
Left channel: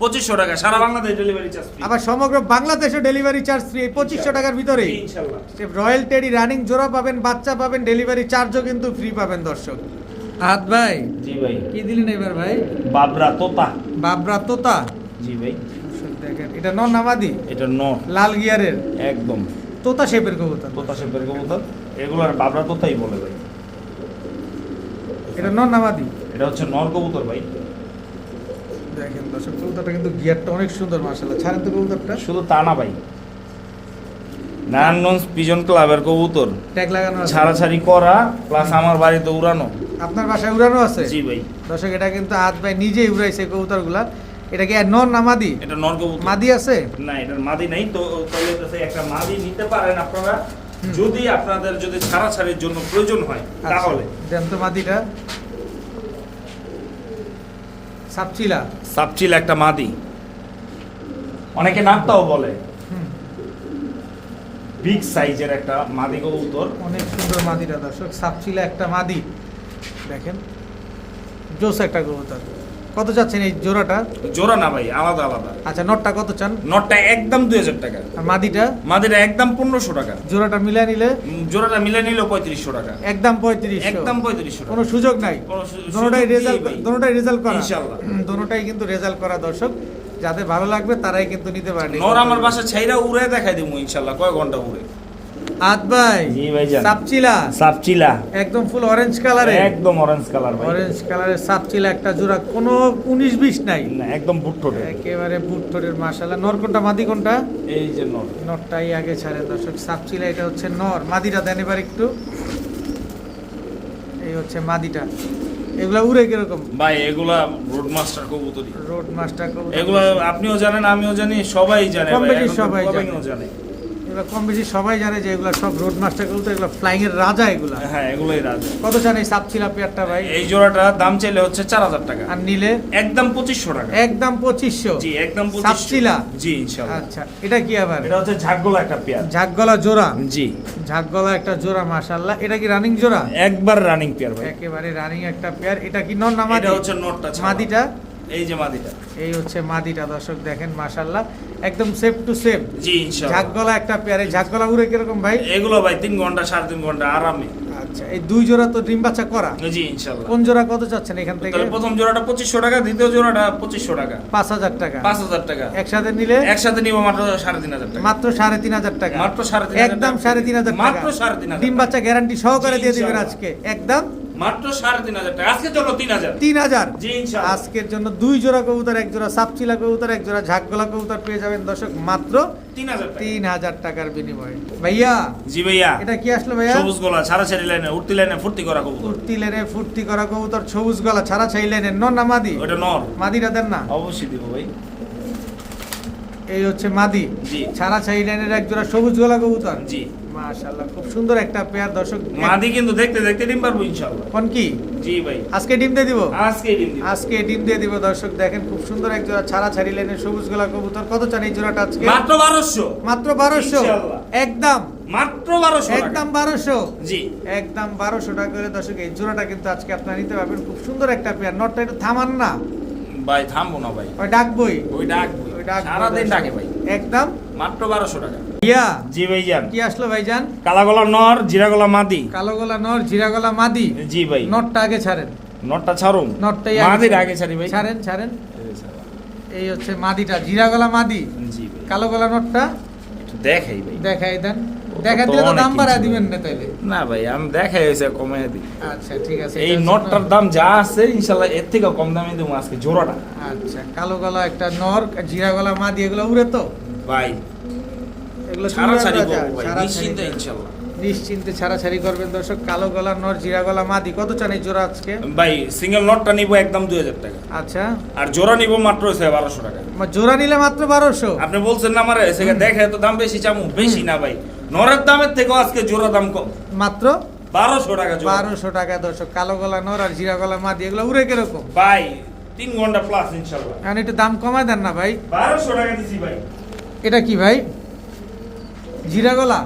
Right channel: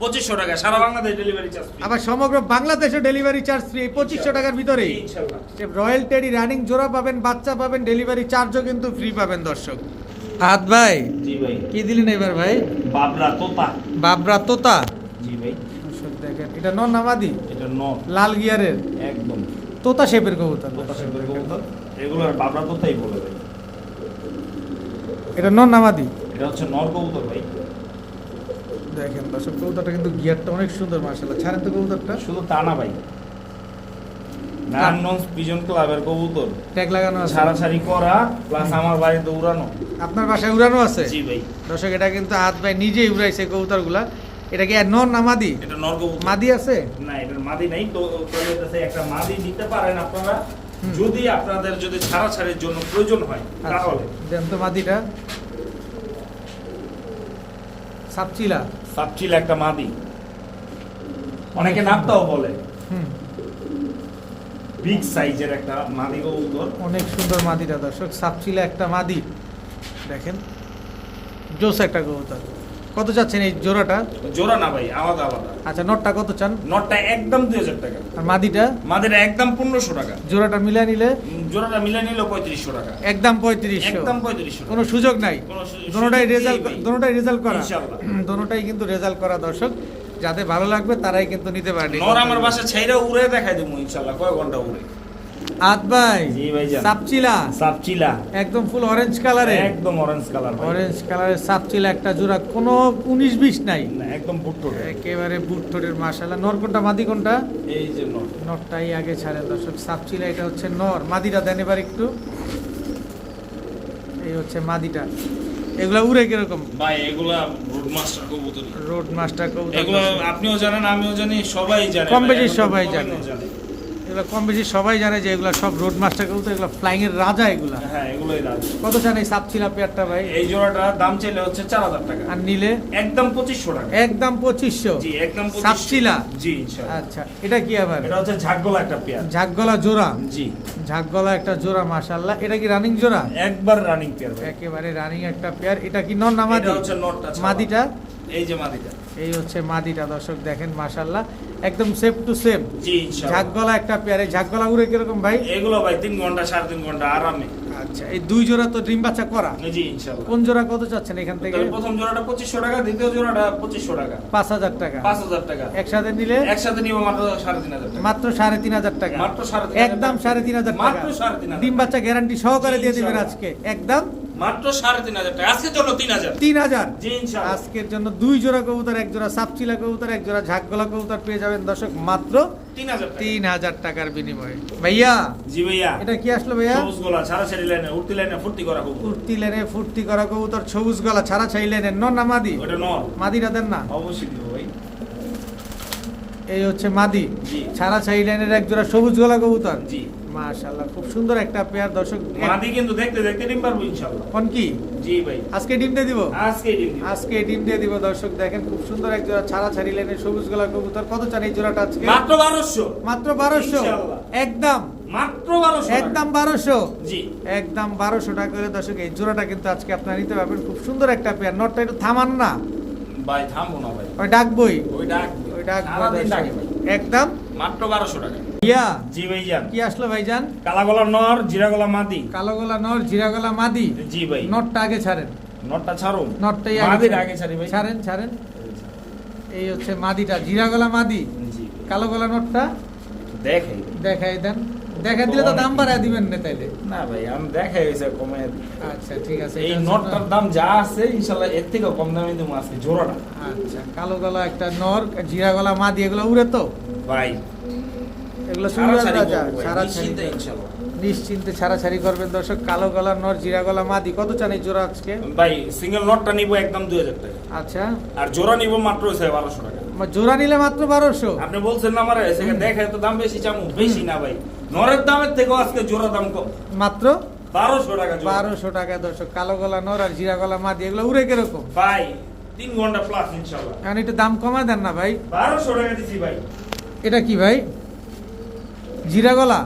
2500 টাকা। সারা বাংলাদেশ ডেলিভারি চার্জ ফ্রি। আবার সমগ্র বাংলাদেশে ডেলিভারি চার্জ ফ্রি 2500 টাকার ভিতরেই। জি, ইনশাআল্লাহ। রয়্যাল টেডি রানিং জোড়া পাবেন, বাচ্চা পাবেন, ডেলিভারি চার্জও কিন্তু ফ্রি পাবেন দর্শক। হাত ভাই জি ভাই। কি দিলেন এবার ভাই? বাবরা তোতা। বাবরা তোতা। জি ভাই। দর্শক দেখেন, এটা নর নামাদি? এটা নর। লাল গিয়ারের একদম তোতা শেপের কবুতর। তোতা শেপের কবুতর। এগুলোর বাবরা তোতাই বলে ভাই। এটা নর নামাদি? এটা হচ্ছে নর কবুতর ভাই। দেখেন দর্শক, কবুতরটা কিন্তু গিয়ারটা অনেক সুন্দর মাশাআল্লাহ। ছাড়েন তো কবুতরটা। শুধু তা না ভাই, নারায়ণগঞ্জ পিজন ক্লাবের কবুতর, ট্যাগ লাগানো আছে? ছাড়াছাড়ি করা প্লাস আমার বাড়িতে উড়ানো। আপনার বাসায় উড়ানো আছে? জি ভাই। দর্শক এটা কিন্তু হাত ভাই নিজেই উড়াইছে কবুতরগুলা। এটা কি নর না মাদি? এটা নর কবুতর। মাদি আছে? না, এটার মাদি নাই তো। তাহলে হচ্ছে একটা মাদি নিতে পারেন আপনারা, যদি আপনাদের যদি ছাড়াছাড়ির জন্য প্রয়োজন হয় আচ্ছা, তাহলে। দেন তো মাদিটা। সাপচিলা। সাপচিল একটা মাদি, অনেকে নামটাও বলে। বিগ সাইজের একটা মাদি কবুতর। অনেক সুন্দর মাদিটা দর্শক, সাপচিলা একটা মাদি। দেখেন জোস একটা কবুতর। কত চাচ্ছেন এই জোড়াটা? জোড়া না ভাই, আলাদা আলাদা। আচ্ছা, নটটা কত চান? নটটা একদম 2000 টাকা। আর মাদিটা? মাদিটা একদম 1500 টাকা। জোড়াটা মিলে নিলে? জোড়াটা মিলে নিলে 3500 টাকা। একদম 3500? একদম 3500। কোনো সুযোগ নাই? দোনোটাই রেজাল্ট, দোনোটাই রেজাল্ট করা ইনশাআল্লাহ। দোনোটাই কিন্তু রেজাল্ট করা দর্শক, যাদের ভালো লাগবে তারাই কিন্তু নিতে পারেন। নর আমার বাসা ছাইরা উড়ে দেখাই দেবো ইনশাআল্লাহ, কয় ঘন্টা উড়ে। আদ ভাই, জি ভাইজান। সাপচিলা সাপচিলা একদম ফুল অরেঞ্জ কালারে, একদম অরেঞ্জ কালার। অরেঞ্জ কালারের সাপচিলা একটা জোড়া, কোনো 19-20 নাই, না একদম বুট্টো। একেবারে বুট্টোরের মাশাআল্লাহ। নর কোনটা মাদি কোনটা? এই যে নর। নরটাই আগে ছাড়েন দর্শক, সাপচিলা এটা হচ্ছে নর। মাদিটা দেন এবার একটু, এই হচ্ছে মাদিটা। এগুলা উড়ে কিরকম ভাই? এগুলা রোড মাস্টার কবুতর। রোড মাস্টার কবুতর? এগুলা আপনিও জানেন, আমিও জানি, সবাই জানে। কম ভাই, বেশি এখন সবাই সবাই জানে। জানে। এগুলা কম বেশি সবাই জানে যে এগুলা সব রোড মাস্টার কবুতর, এগুলা ফ্লাইং এর রাজা এগুলা। হ্যাঁ, এগুলোই রাজ। কত চান এই সাপচিলা পেয়ারটা ভাই? এই জোড়াটা দাম চাইলে হচ্ছে 4000 টাকা। আর নিলে? একদম 2500 টাকা। একদম 2500? জি, একদম 2500। সাপচিলা? জি ইনশাআল্লাহ। আচ্ছা, এটা কি আবার? এটা হচ্ছে ঝাকগোলা একটা পেয়ার। ঝাকগলা জোড়া? জি, ঝাকগলা একটা জোড়া মাশাআল্লাহ। এটা কি রানিং জোড়া? একবার রানিং পেয়ার ভাই। একেবারে রানিং একটা পেয়ার। এটা কি নর না মাদি? এটা হচ্ছে নটটা ছাড়া। মাদিটা? এই যে মাদিটা। এই হচ্ছে মাদিটা দর্শক, দেখেন মাশাআল্লাহ, একদম সেফ টু সেফ। জি ইনশাআল্লাহ। ঝাকগলা একটা পেয়ার। এই ঝাকগলা উড়ে কিরকম ভাই? এগুলো ভাই 3 ঘন্টা 3.5 ঘন্টা আরামে। আচ্ছা, এই দুই জোড়া তো ডিম বাচ্চা করা? জি ইনশাআল্লাহ। কোন জোড়া কত চাচ্ছেন এখান থেকে? তাহলে প্রথম জোড়াটা 2500 টাকা, দ্বিতীয় জোড়াটা 2500 টাকা। 5000 টাকা? 5000 টাকা। একসাথে নিলে? একসাথে নিব মাত্র 3500 টাকা। মাত্র 3500 টাকা? মাত্র 3500 একদম 3500 টাকা? মাত্র 3500। ডিম বাচ্চা গ্যারান্টি সহকারে জি, দিয়ে দিবেন ইনশাআল্লাহ। আজকে একদম মাত্র 3500 টাকা। আজকের জন্য 3000। 3000? জি ইনশাআল্লাহ। আজকের জন্য দুই জোড়া কবুতর, এক জোড়া সাপচিলা কবুতর, এক জোড়া ঝাকগলা কবুতর পেয়ে যাবেন দর্শক মাত্র 3000 টাকা। 3000 টাকার বিনিময়ে। ভাইয়া জি ভাইয়া। এটা কি আসলো ভাইয়া? সবুজ গোলা ছাড়াছাড়ি লাইনে, উঠতি লাইনে ফুর্তি করা কবুতর। উঠতি লেনে ফুর্তি করা কবুতর, সবুজ গলা ছাড়া ছাই লেনে। নর না মাদি? ওটা নর। মাদিটা দেন না? অবশ্যই দিব ভাই। এই হচ্ছে মাদি। জি। ছাড়া ছাই লেনের এক জোড়া সবুজ গলা কবুতর। জি। মাশাআল্লাহ, খুব সুন্দর একটা পেয়ার দর্শক। মাদি কিন্তু দেখতে দেখতে ডিম পারবো ইনশাআল্লাহ। কোন কি? জি ভাই। আজকে ডিম দিয়ে দিব? আজকে ডিম দিব। আজকে ডিম দিয়ে দিব দর্শক, দেখেন খুব সুন্দর এক জোড়া ছাড়া ছাড়ি লেনের সবুজ গলা কবুতর। কত চান এই জোড়াটা আজকে? মাত্র 1200। মাত্র 1200? ইনশাআল্লাহ। একদম মাত্র 1200 টাকা। একদম 1200? জি। একদম 1200 টাকা করে দর্শক এই জোড়াটা কিন্তু আজকে আপনারা নিতে পারবেন। খুব সুন্দর একটা পেয়ার। নটটা একটু থামান না, ভাই থামবো না ভাই। ওই ডাকবই, ওই ডাক ওই ডাক সারাদিন ডাকে ভাই। একদম মাত্র 1200 টাকা। ইয়া। জি ভাইজান। কি আসলো ভাইজান? কালা গলা নর, জিরা গলা মাদি। কালো গলা নর, জিরা গলা মাদি? জি ভাই। নটটা আগে ছাড়েন। নটটা ছাড়ুন। নটটাই মাদির আগে ছাড়ি ভাই। ছাড়েন ছাড়েন। এই হচ্ছে মাদিটা, জিরা গলা মাদি। জি ভাই। কালো গলা নটটা একটু দেখাই ভাই। দেখাই দেন। দেখা দিলে তো অনেক দাম কিছু। বাড়ায় দিবেন না তাইলে? না ভাই, আমি দেখাই হয়েছে কমে দিই। আচ্ছা ঠিক আছে। এই এটা হচ্ছে নটটার নর। দাম যা আছে ইনশাআল্লাহ এর থেকে কম দামে দেবো আজকে জোড়াটা। আচ্ছা, কালো গলা একটা নর, জিরা গলা মাদি, এগুলো উড়ে তো? ভাই এগুলো ছাড়াছাড়ি সুন্দর করবো ভাই, ছাড়াছাড়ি নিশ্চিন্তে করবেন। ইনশাআল্লাহ। নিশ্চিন্তে ছাড়াছাড়ি করবেন দর্শক। কালো গলা নর, জিরা গলা মাদি। কত চান এই জোড়া আজকে? ভাই সিঙ্গেল নটটা নিব একদম 2000 টাকা। আচ্ছা, আর জোড়া নিব মাত্র 1200 টাকা। জোড়া নিলে মাত্র 1200? আপনি বলছেন না আমারে সেখানে দেখে তো দাম বেশি চামু, বেশি না ভাই। নরের দামের থেকেও আজকে জোড়া দাম কম। মাত্র 1200 টাকা জোড়া। 1200 টাকা দর্শক। কালো গলা নর আর জিরা গলা মাদি, এগুলো উড়ে কিরকম? ভাই 3 ঘন্টা প্লাস ইনশাআল্লাহ। এখন একটু দাম কমায় দেন না ভাই। 1200 টাকা দিছি ভাই। এটা কি ভাই? জিরা গলা?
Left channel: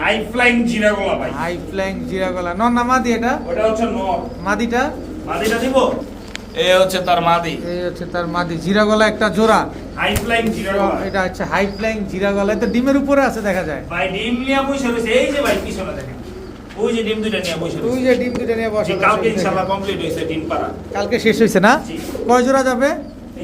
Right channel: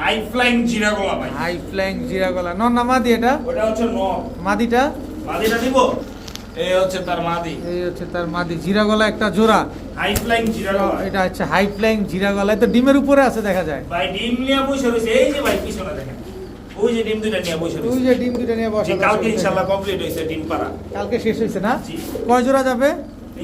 হাই ফ্লাইং জিরা গোলা ভাই। হাই ফ্লাইং জিরা গলা নর না মাদি এটা? ওটা হচ্ছে নর। মাদিটা? মাদিটা দিব। এই হচ্ছে তার মাদি। এই হচ্ছে তার মাদি। জিরা গলা একটা জোড়া। হাই ফ্লাইং জিরা গোলা। এটা হচ্ছে হাই ফ্লাইং জিরা গলা। এটা ডিমের উপরে আছে দেখা যায়। ভাই ডিম নিয়ে বসে রয়েছে, এই যে ভাই পিছনে দেখেন। ওই যে ডিম দুটো নিয়ে বসে ওই রয়েছে। যে ডিম দুটো নিয়ে বসা। কালকে ইনশাআল্লাহ কমপ্লিট হয়েছে ডিম পাড়া। কালকে শেষ হয়েছে না? জি। কয় জোড়া যাবে?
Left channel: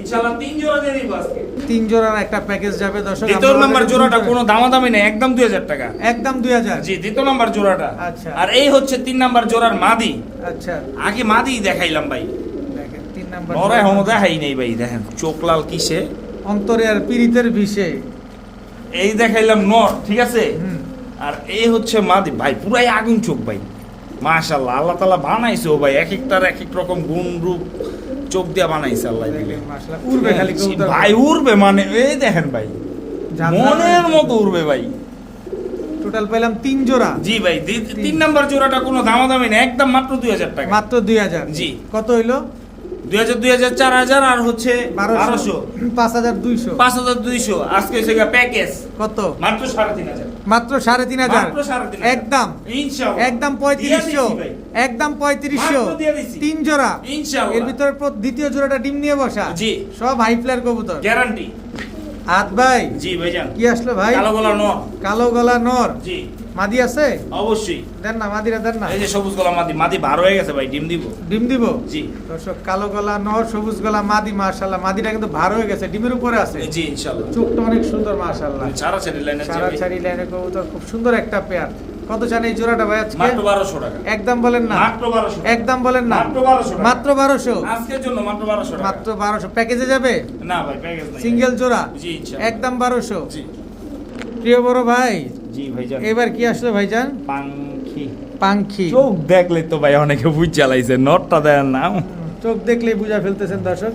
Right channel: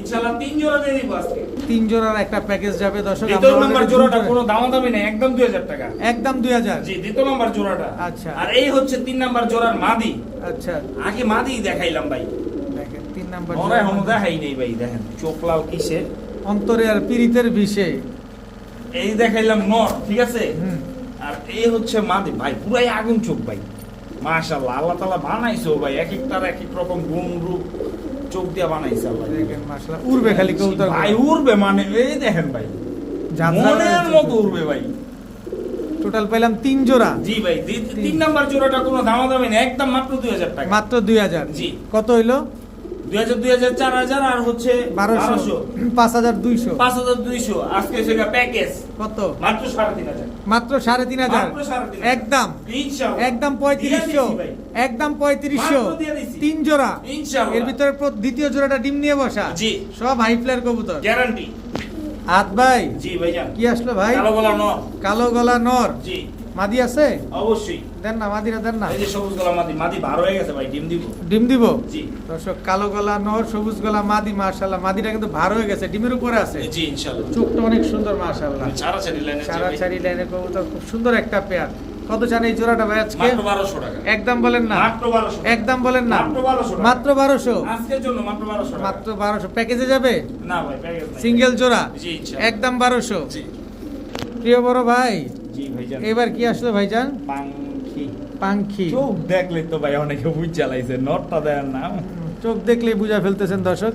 ইনশাআল্লাহ 3 জোড়া দিয়ে দিব আজকে। 3 জোড়ার একটা প্যাকেজ যাবে দর্শক। দ্বিতীয় আমরা নাম্বার already জোড়াটা দুটো- কোনো দামাদামি নেই, একদম 2000 টাকা। একদম 2000? জি, দ্বিতীয় নাম্বার জোড়াটা। আচ্ছা। আর এই হচ্ছে 3 নাম্বার জোড়ার মাদি। আচ্ছা, আগে মাদি দেখাইলাম ভাই। দেখেন 3 নাম্বার নরে হনো দেখাই নেই ভাই, দেখেন চোখ লাল কিসে। অন্তরে আর পীড়িতের বিষে। এই দেখাইলাম নর, ঠিক আছে? হুম। আর এই হচ্ছে মাদি ভাই, পুরাই আগুন চোখ ভাই। মাশাআল্লাহ, আল্লাহ তাআলা বানাইছে ও ভাই, এক একটার এক এক রকম গুণ রূপ চোখ দিয়ে বানাইছে আল্লাহ। দেখেন মাশাআল্লাহ, উড়বে খালি কবুতর। ভাই উড়বে মানে এই দেখেন ভাই, মনের মতো উড়বে ভাই। টোটাল পেলাম 3 জোড়া। জি ভাই, 3 নাম্বার জোড়াটা কোনো দামাদামি নেই, একদম মাত্র 2000 টাকা। মাত্র 2000? জি। কত হইলো? 2000 2000 4000 আর হচ্ছে 1200 5200। 5200 আজকে সেটা প্যাকেজ কত? মাত্র 3500। মাত্র 3500? মাত্র 3500 একদম ইনশাআল্লাহ একদম 3500? দিয়ে দিচ্ছি ভাই। একদম 3500 মাত্র দিয়ে দিছি। 3 জোড়া ইনশাআল্লাহ। এর ভিতরে দ্বিতীয় জোড়াটা ডিম নিয়ে বসা জি। সব হাই ফ্লায়ার কবুতর গ্যারান্টি। হাত ভাই জি ভাইজান। কি আসলো ভাই কালো গলা নর। কালো গলা নর জি মাদি আছে অবশ্যই। দেন না মাদিরা দেন না এই যে সবুজ গলা মাদি, মাদি বার হয়ে গেছে ভাই, ডিম দিব। ডিম দিব জি দর্শক কালো গলা নর সবুজ গলা মাদি মাশাআল্লাহ মাদিটা কিন্তু ভার হয়ে গেছে ডিমের উপরে আছে জি ইনশাআল্লাহ। চোখটা অনেক সুন্দর মাশাআল্লাহ সারা ছেড়ে লাইনে সারা ছাড়ি লাইনে কবুতর খুব সুন্দর একটা পেয়ার কত চান এই জোড়াটা ভাই আজকে মাত্র 1200 টাকা। একদম বলেন না মাত্র 1200 টাকা। একদম বলেন না মাত্র 1200 টাকা। মাত্র 1200 আজকের জন্য মাত্র 1200 টাকা। মাত্র 1200 প্যাকেজে যাবে না ভাই প্যাকেজ নাই। সিঙ্গেল জোড়া জি ইনশাআল্লাহ। একদম 1200 জি প্রিয় বড় ভাই জি ভাইজান। এবার কি আসলো ভাইজান পাখি। পাখি চোখ দেখলে তো ভাই অনেকে বুঝ জ্বালাইছে, নটটা দেন না। চোখ দেখলেই বুঝা ফেলতেছেন দর্শক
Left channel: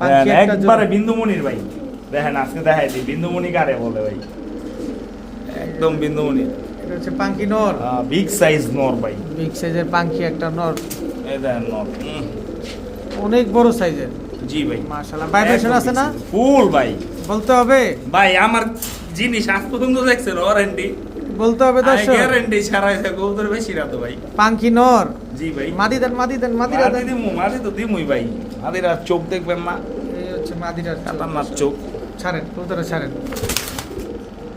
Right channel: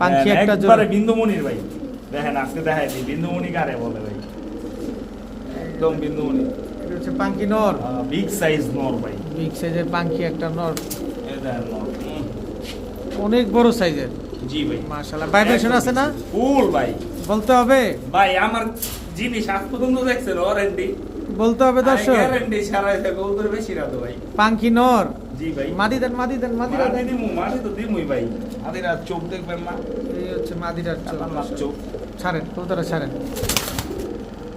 পাখি একটা জোড়া একবারে বিন্দুমণির ভাই। দেখেন আজকে দেখাই দিই বিন্দুমণি কারে বলে ভাই। একদম বিন্দুমণি। এটা হচ্ছে পাখি নর বিগ সাইজ নর ভাই। বিগ সাইজের পাখি একটা নর এই দেখেন নর। অনেক বড় সাইজের জি ভাই। মাশাআল্লাহ ভাইব্রেশন আছে না ফুল ভাই। বলতে হবে ভাই আমার জিনিস আজ পর্যন্ত দেখছেন ওয়ারেন্টি। বলতে হবে দর্শক গ্যারান্টি ছাড়া এটা কবুতর বেশি রাত ভাই। পাখি নর জি ভাই। মাদি দেন মাদিরা মাদি দেন দিমু, মাদি তো দিমুই ভাই। মাদিরা চোখ দেখবেন না। এই হচ্ছে মাদিরার খাতারনাক চোখ। ছাড়েন কবুতরা ছাড়েন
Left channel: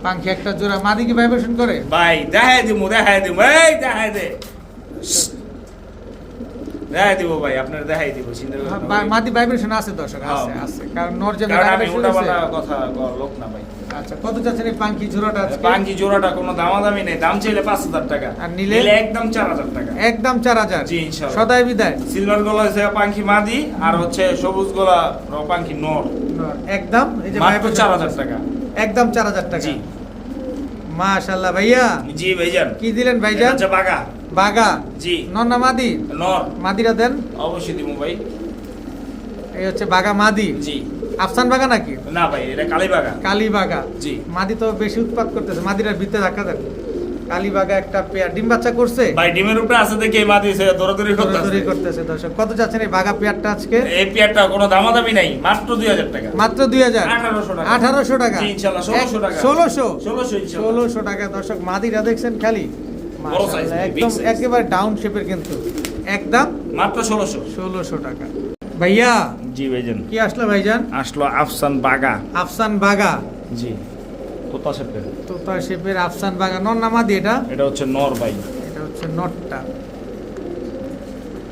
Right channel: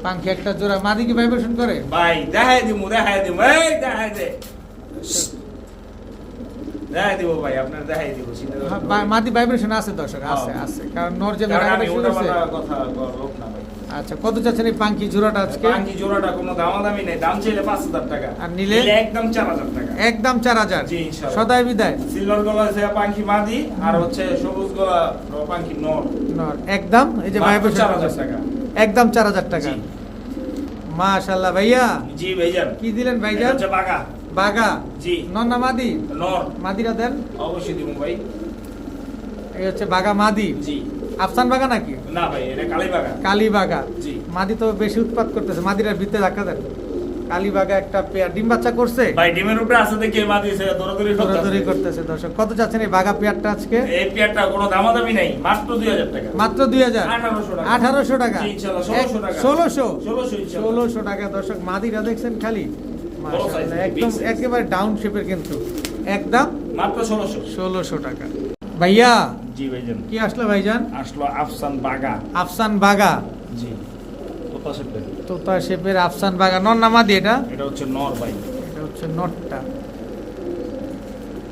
পাখি একটা জোড়া মাদি কি ভাইব্রেশন করে ভাই দেখাই দিমু, দেখাই দিমু। এই দেখাই দে। দেখাই দিব ভাই, আপনার দেখাই দিব। চিন্তা করবেন না ভাই। মাদি ভাইব্রেশন আছে দর্শক আছে হ্যাঁ। আছে কারণ নর যে কারণ টাকাটা আমি শুরু হয়েছে উল্টাপাল্টা কথা বলার লোক না ভাই। আচ্ছা কত চাচ্ছেন এই পাখি জোড়াটা আজকে পাঙ্কি জোড়াটা কোনো দামাদামি নেই, দাম চাইলে 5000 টাকা। আর নিলে? একদম 4000 টাকা। একদম 4000 জি, ইনশাআল্লাহ। সদাই বিদায় সিলভার গলা আছে পাঙ্কি মাদি, আর হচ্ছে সবুজ গলা পাঙ্কি নর। নর। একদম এই যে মাত্র vibration 4000 টাকা। একদম 4000 টাকা জি। মাশাআল্লাহ ভাইয়া জি ভাইজান। কি দিলেন এটা ভাইজান হচ্ছে বাগা। বাগা জি। নর না মাদি নর। মাদিরা দেন অবশ্যই দিব ভাই। এই হচ্ছে বাগা মাদি জি। আফসান বাগা নাকি না ভাই, এটা কালী বাগা। কালী বাগা জি। মাদি তো বেশি উৎপাত করতেছে মাদিরার ভিতরে ধাক্কা দেন কালী বাগা একটা পেয়ার ডিম বাচ্চা করছে ভাই ডিমের উপরে আছে দেখে মাদি সে দৌড়াদৌড়ি দৌড়াদৌড়ি করতেছে। করতেছে দর্শক কত যাচ্ছেন এই বাগা পেয়ারটা আজকে এই পেয়ারটা কোনো দামাদামি নাই, মাত্র 2000 টাকা। মাত্র 2000 1800 টাকা। 1800 টাকা জি, ইনশাআল্লাহ, 1600 টাকা। 1600 1600 1600 টাকা দর্শক মাদিরা দেখছেন খালি মাশাআল্লাহ size, একদম big size। একেবারে ডাউন শেপের কিন্তু একদম মাত্র 1600। 1600 টাকা ভাইয়া জি ভাইজান। কি আসলো ভাইজান আসলো আফসান বাগা। আফসান বাগা জি। কোথা শেপের? তোতা শেপের আফসান বাগা নর না মাদি এটা এটা হচ্ছে নর ভাই। এটা হচ্ছে নটটা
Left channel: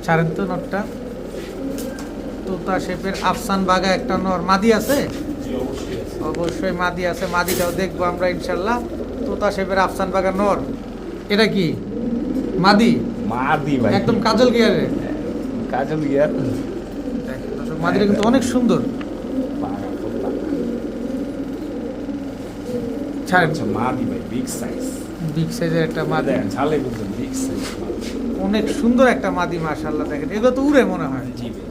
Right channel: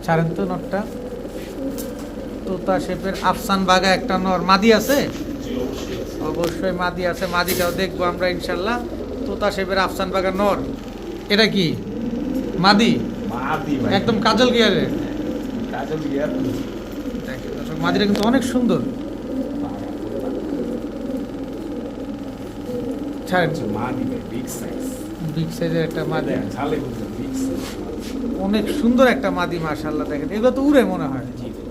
ছাড়েন তো নটটা তোতা শেপের আফসান বাগা একটা নর মাদি আছে জি অবশ্যই। অবশ্যই মাদি আছে মাদিটাও দেখবো আমরা ইনশাল্লাহ তোতা শেপের আফসান বাগা নর এটা কি মাদি মাদি ভাই। একদম কাজল গিয়ারে কাজল গিয়ার। দেখেন দর্শক মাদিটা কিন্তু অনেক সুন্দর ছাড়েন আচ্ছা মাদি ভাই, বিগ সাইজ। বিগ সাইজের একটা মাদি দেখেন ঝালে বুঝছেন, বিগ সাইজ। অনেক সুন্দর একটা মাদি মাশাআল্লাহ দেখেন এগুলো তো উড়ে মনে হয় জি ভাই।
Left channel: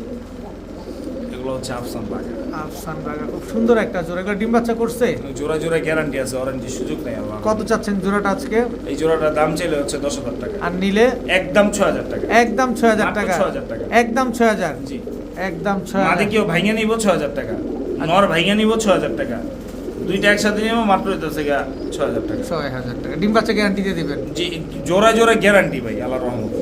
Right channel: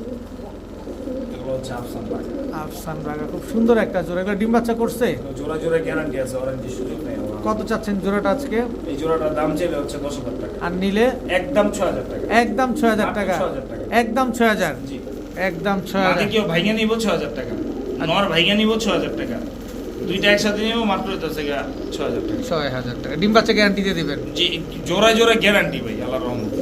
এগুলো হচ্ছে আফসান বাগা। আফসান বাগা খুব সুন্দর একটা জোড়া এগুলো ডিম বাচ্চা করছে জোড়া জোড়া গ্যারান্টি আছে, ওয়ারেন্টি সুযোগ নেই আমার। কত চাচ্ছেন জোড়াটা আজকে এই জোড়াটার দাম চাইলে হচ্ছে 10000 টাকা। আর নিলে একদম 6000 টাকা। একদম 6000 মাত্র টাকা 6000 টাকা। একদম 6000 জি। একদম মাদি 6000 কেউ ভাইঙ্গা নিব 6000 টাকা, নর ভাইঙ্গা নিব 6000 টাকা, দুইটা একসাথে নিব মাত্র হইতেছে 6000 টাকা। 6000 টাকা ডিম বাচ্চা গ্যারান্টি দিয়ে দিবেন জি, জোড়া জোড়া গ্যারান্টি ভাই, আল্লাহর রহমতে।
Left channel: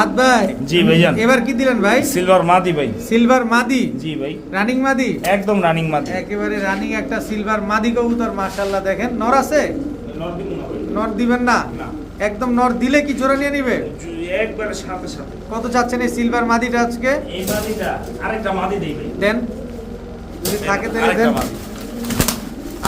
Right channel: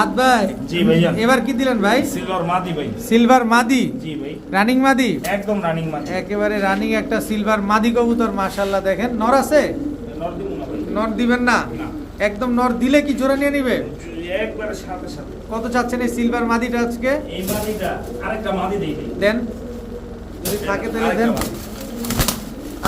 আদ ভাই জি ভাইজান। এবার কি দিলেন ভাই সিলভার মাদি ভাই। সিলভার মাদি জি ভাই। রানিং মাদি একদম রানিং মাদি। একেবারে রানিং একটা সিলভার মাদি কবুতর মাশাআল্লাহ দেখেন নর আছে নর দিব না ভাই। নর দিবেন না না। একদম নর দিলে কি জোড়া নিয়ে নিবে একবারে সাথে সাথে। কত চাচ্ছেন এই সিলভার মাদিটা আজকে এই মাদিটা আরেকটা মাদি দেই ভাই। দেন যদি থাকে তাহলে আরেকটা দেন মাদি।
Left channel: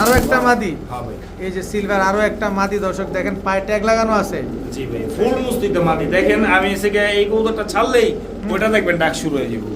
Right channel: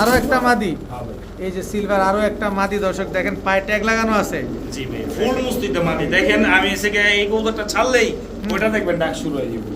আরো একটা মাদি হবে। এই যে সিলভার আরো একটা মাদি দর্শক দেখেন পায়ে ট্যাগ লাগানো আছে জি ভাই, ফুল মুস্তিতে মাদি। দেখেন আমি এসে এই কবুতরটা ছাড়লেই ওটা দেখবেন ডাক শুরু হয়ে যাবে।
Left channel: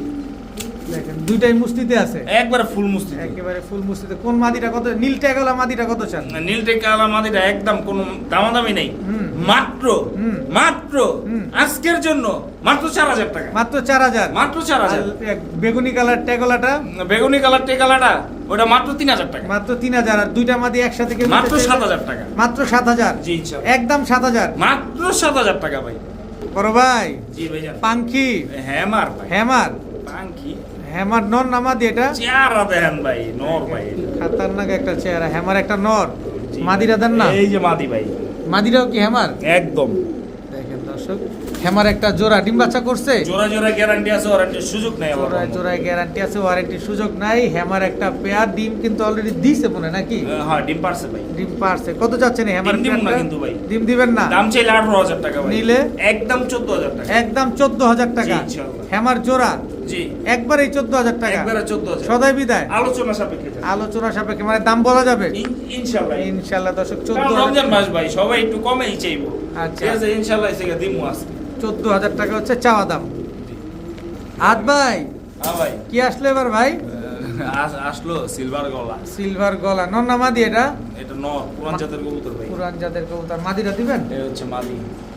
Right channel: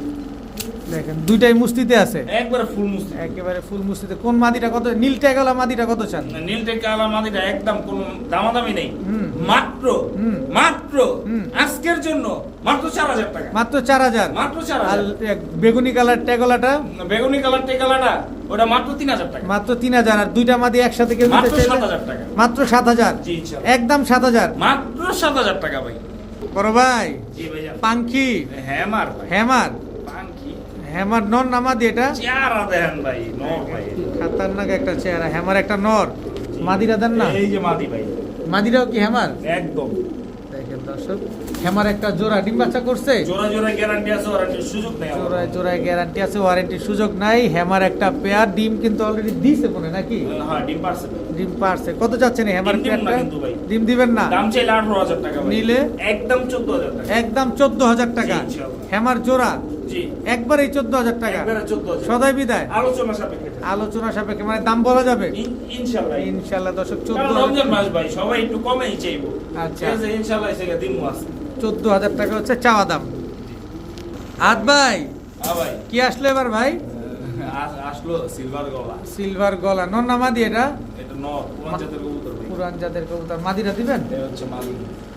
দেখেন দুইটাই মুস্তিতে আছে একবারে ফুল মুস্তিতে। একেবারে ফুল মুস্তিতে কোন মাদিটা কত নীল ট্যাগলা মাদিটা কত চান নীল টেকালা মাদিটা একদম কোনো দামাদামি নেই। হুম। মাত্র হুম। মাত্র হুম। আজকের জন্য মাত্র 4000 টাকা। মাত্র 4000 মাত্র আর 4000। বেগুনি কালার ট্যাগলাটা বেগুনি কালার টেকালাটা ওটা মাত্র 3000 টাকা। মাত্র 3000 আর দুইটা মাদি একসাথে কেউ মাত্র নিতে চাইলে? 7000 টাকা। মাত্র 7000 জি ইনশাআল্লাহ। একদম 7000 মাত্র 7000 টাকা ভাই। বড় ভাই জি ভাইয়া। পাঙ্খি হ্যামার ভাই। হ্যামার পাঙ্কি হ্যামার নর না মাদি এটা চেহারা দেখেন ভাই, নর ভাই। খাতারনাক একটা চেহারা হ্যামার একটা নর জি। মাদিরা দেন না এই যে মাদি ভাই। মাদিরাও কি হ্যামার একদম। দেখেন দর্শক হ্যামার একটা জোড়া ডিম বাচ্চা করছে জোড়া জোড়া গ্যারান্টি আছে, ওয়ারেন্টির সুযোগ নেই। জোড়ায় জোড়ায় গ্যারান্টি আছে, ওয়ারেন্টির সুযোগ নাই। হ্যামার একটা পেয়ার ডিম কিন্তু অলরেডি দিছে মনে নাকি? হ্যাঁ, ডিম পারছে ভাই। ডিম পারছে। কত চাচ্ছেন এই হ্যামার ডিম দিব না পেয়ারটা? কিন্তু ভাই। ডিম দিবেন না? দাম চাইলে 18,000 টাকা ভাই। নিলে? একদম 14,000 টাকা। একদম 14,000 টাকা। জি, ইনশাআল্লাহ। হ্যামার জোড়া জি, একবারই 14,000 টাকা। একবারে 14,000। সদাই বিদায়? আলোচনা সাপেক্ষে। আলোচনা সাপেক্ষে, মানে দাম বলা যাবে ইনশাআল্লাহ। ইনশাল্লাহ দর্শক। রমজান 14,000 মাস ভাই, সবাই একটু কমেই চাইবো। আচ্ছা। ঠিক আছে, ইনশাআল্লাহ এসে দিমু আজকে। 14,000 টাকা হচ্ছে চাওয়া দাম। আদ ভাই হ্যাঁ ভাই। কি আসলো এবার ভাই? আসলো সিলভার গলা। সিলভার গলা নর না মাদি? এটা এটা নর, পুরান জাতের কবুতর ভাই। পুরান জাতের কবুতর। মাদিটা দিবেন? এই হচ্ছে মাদি।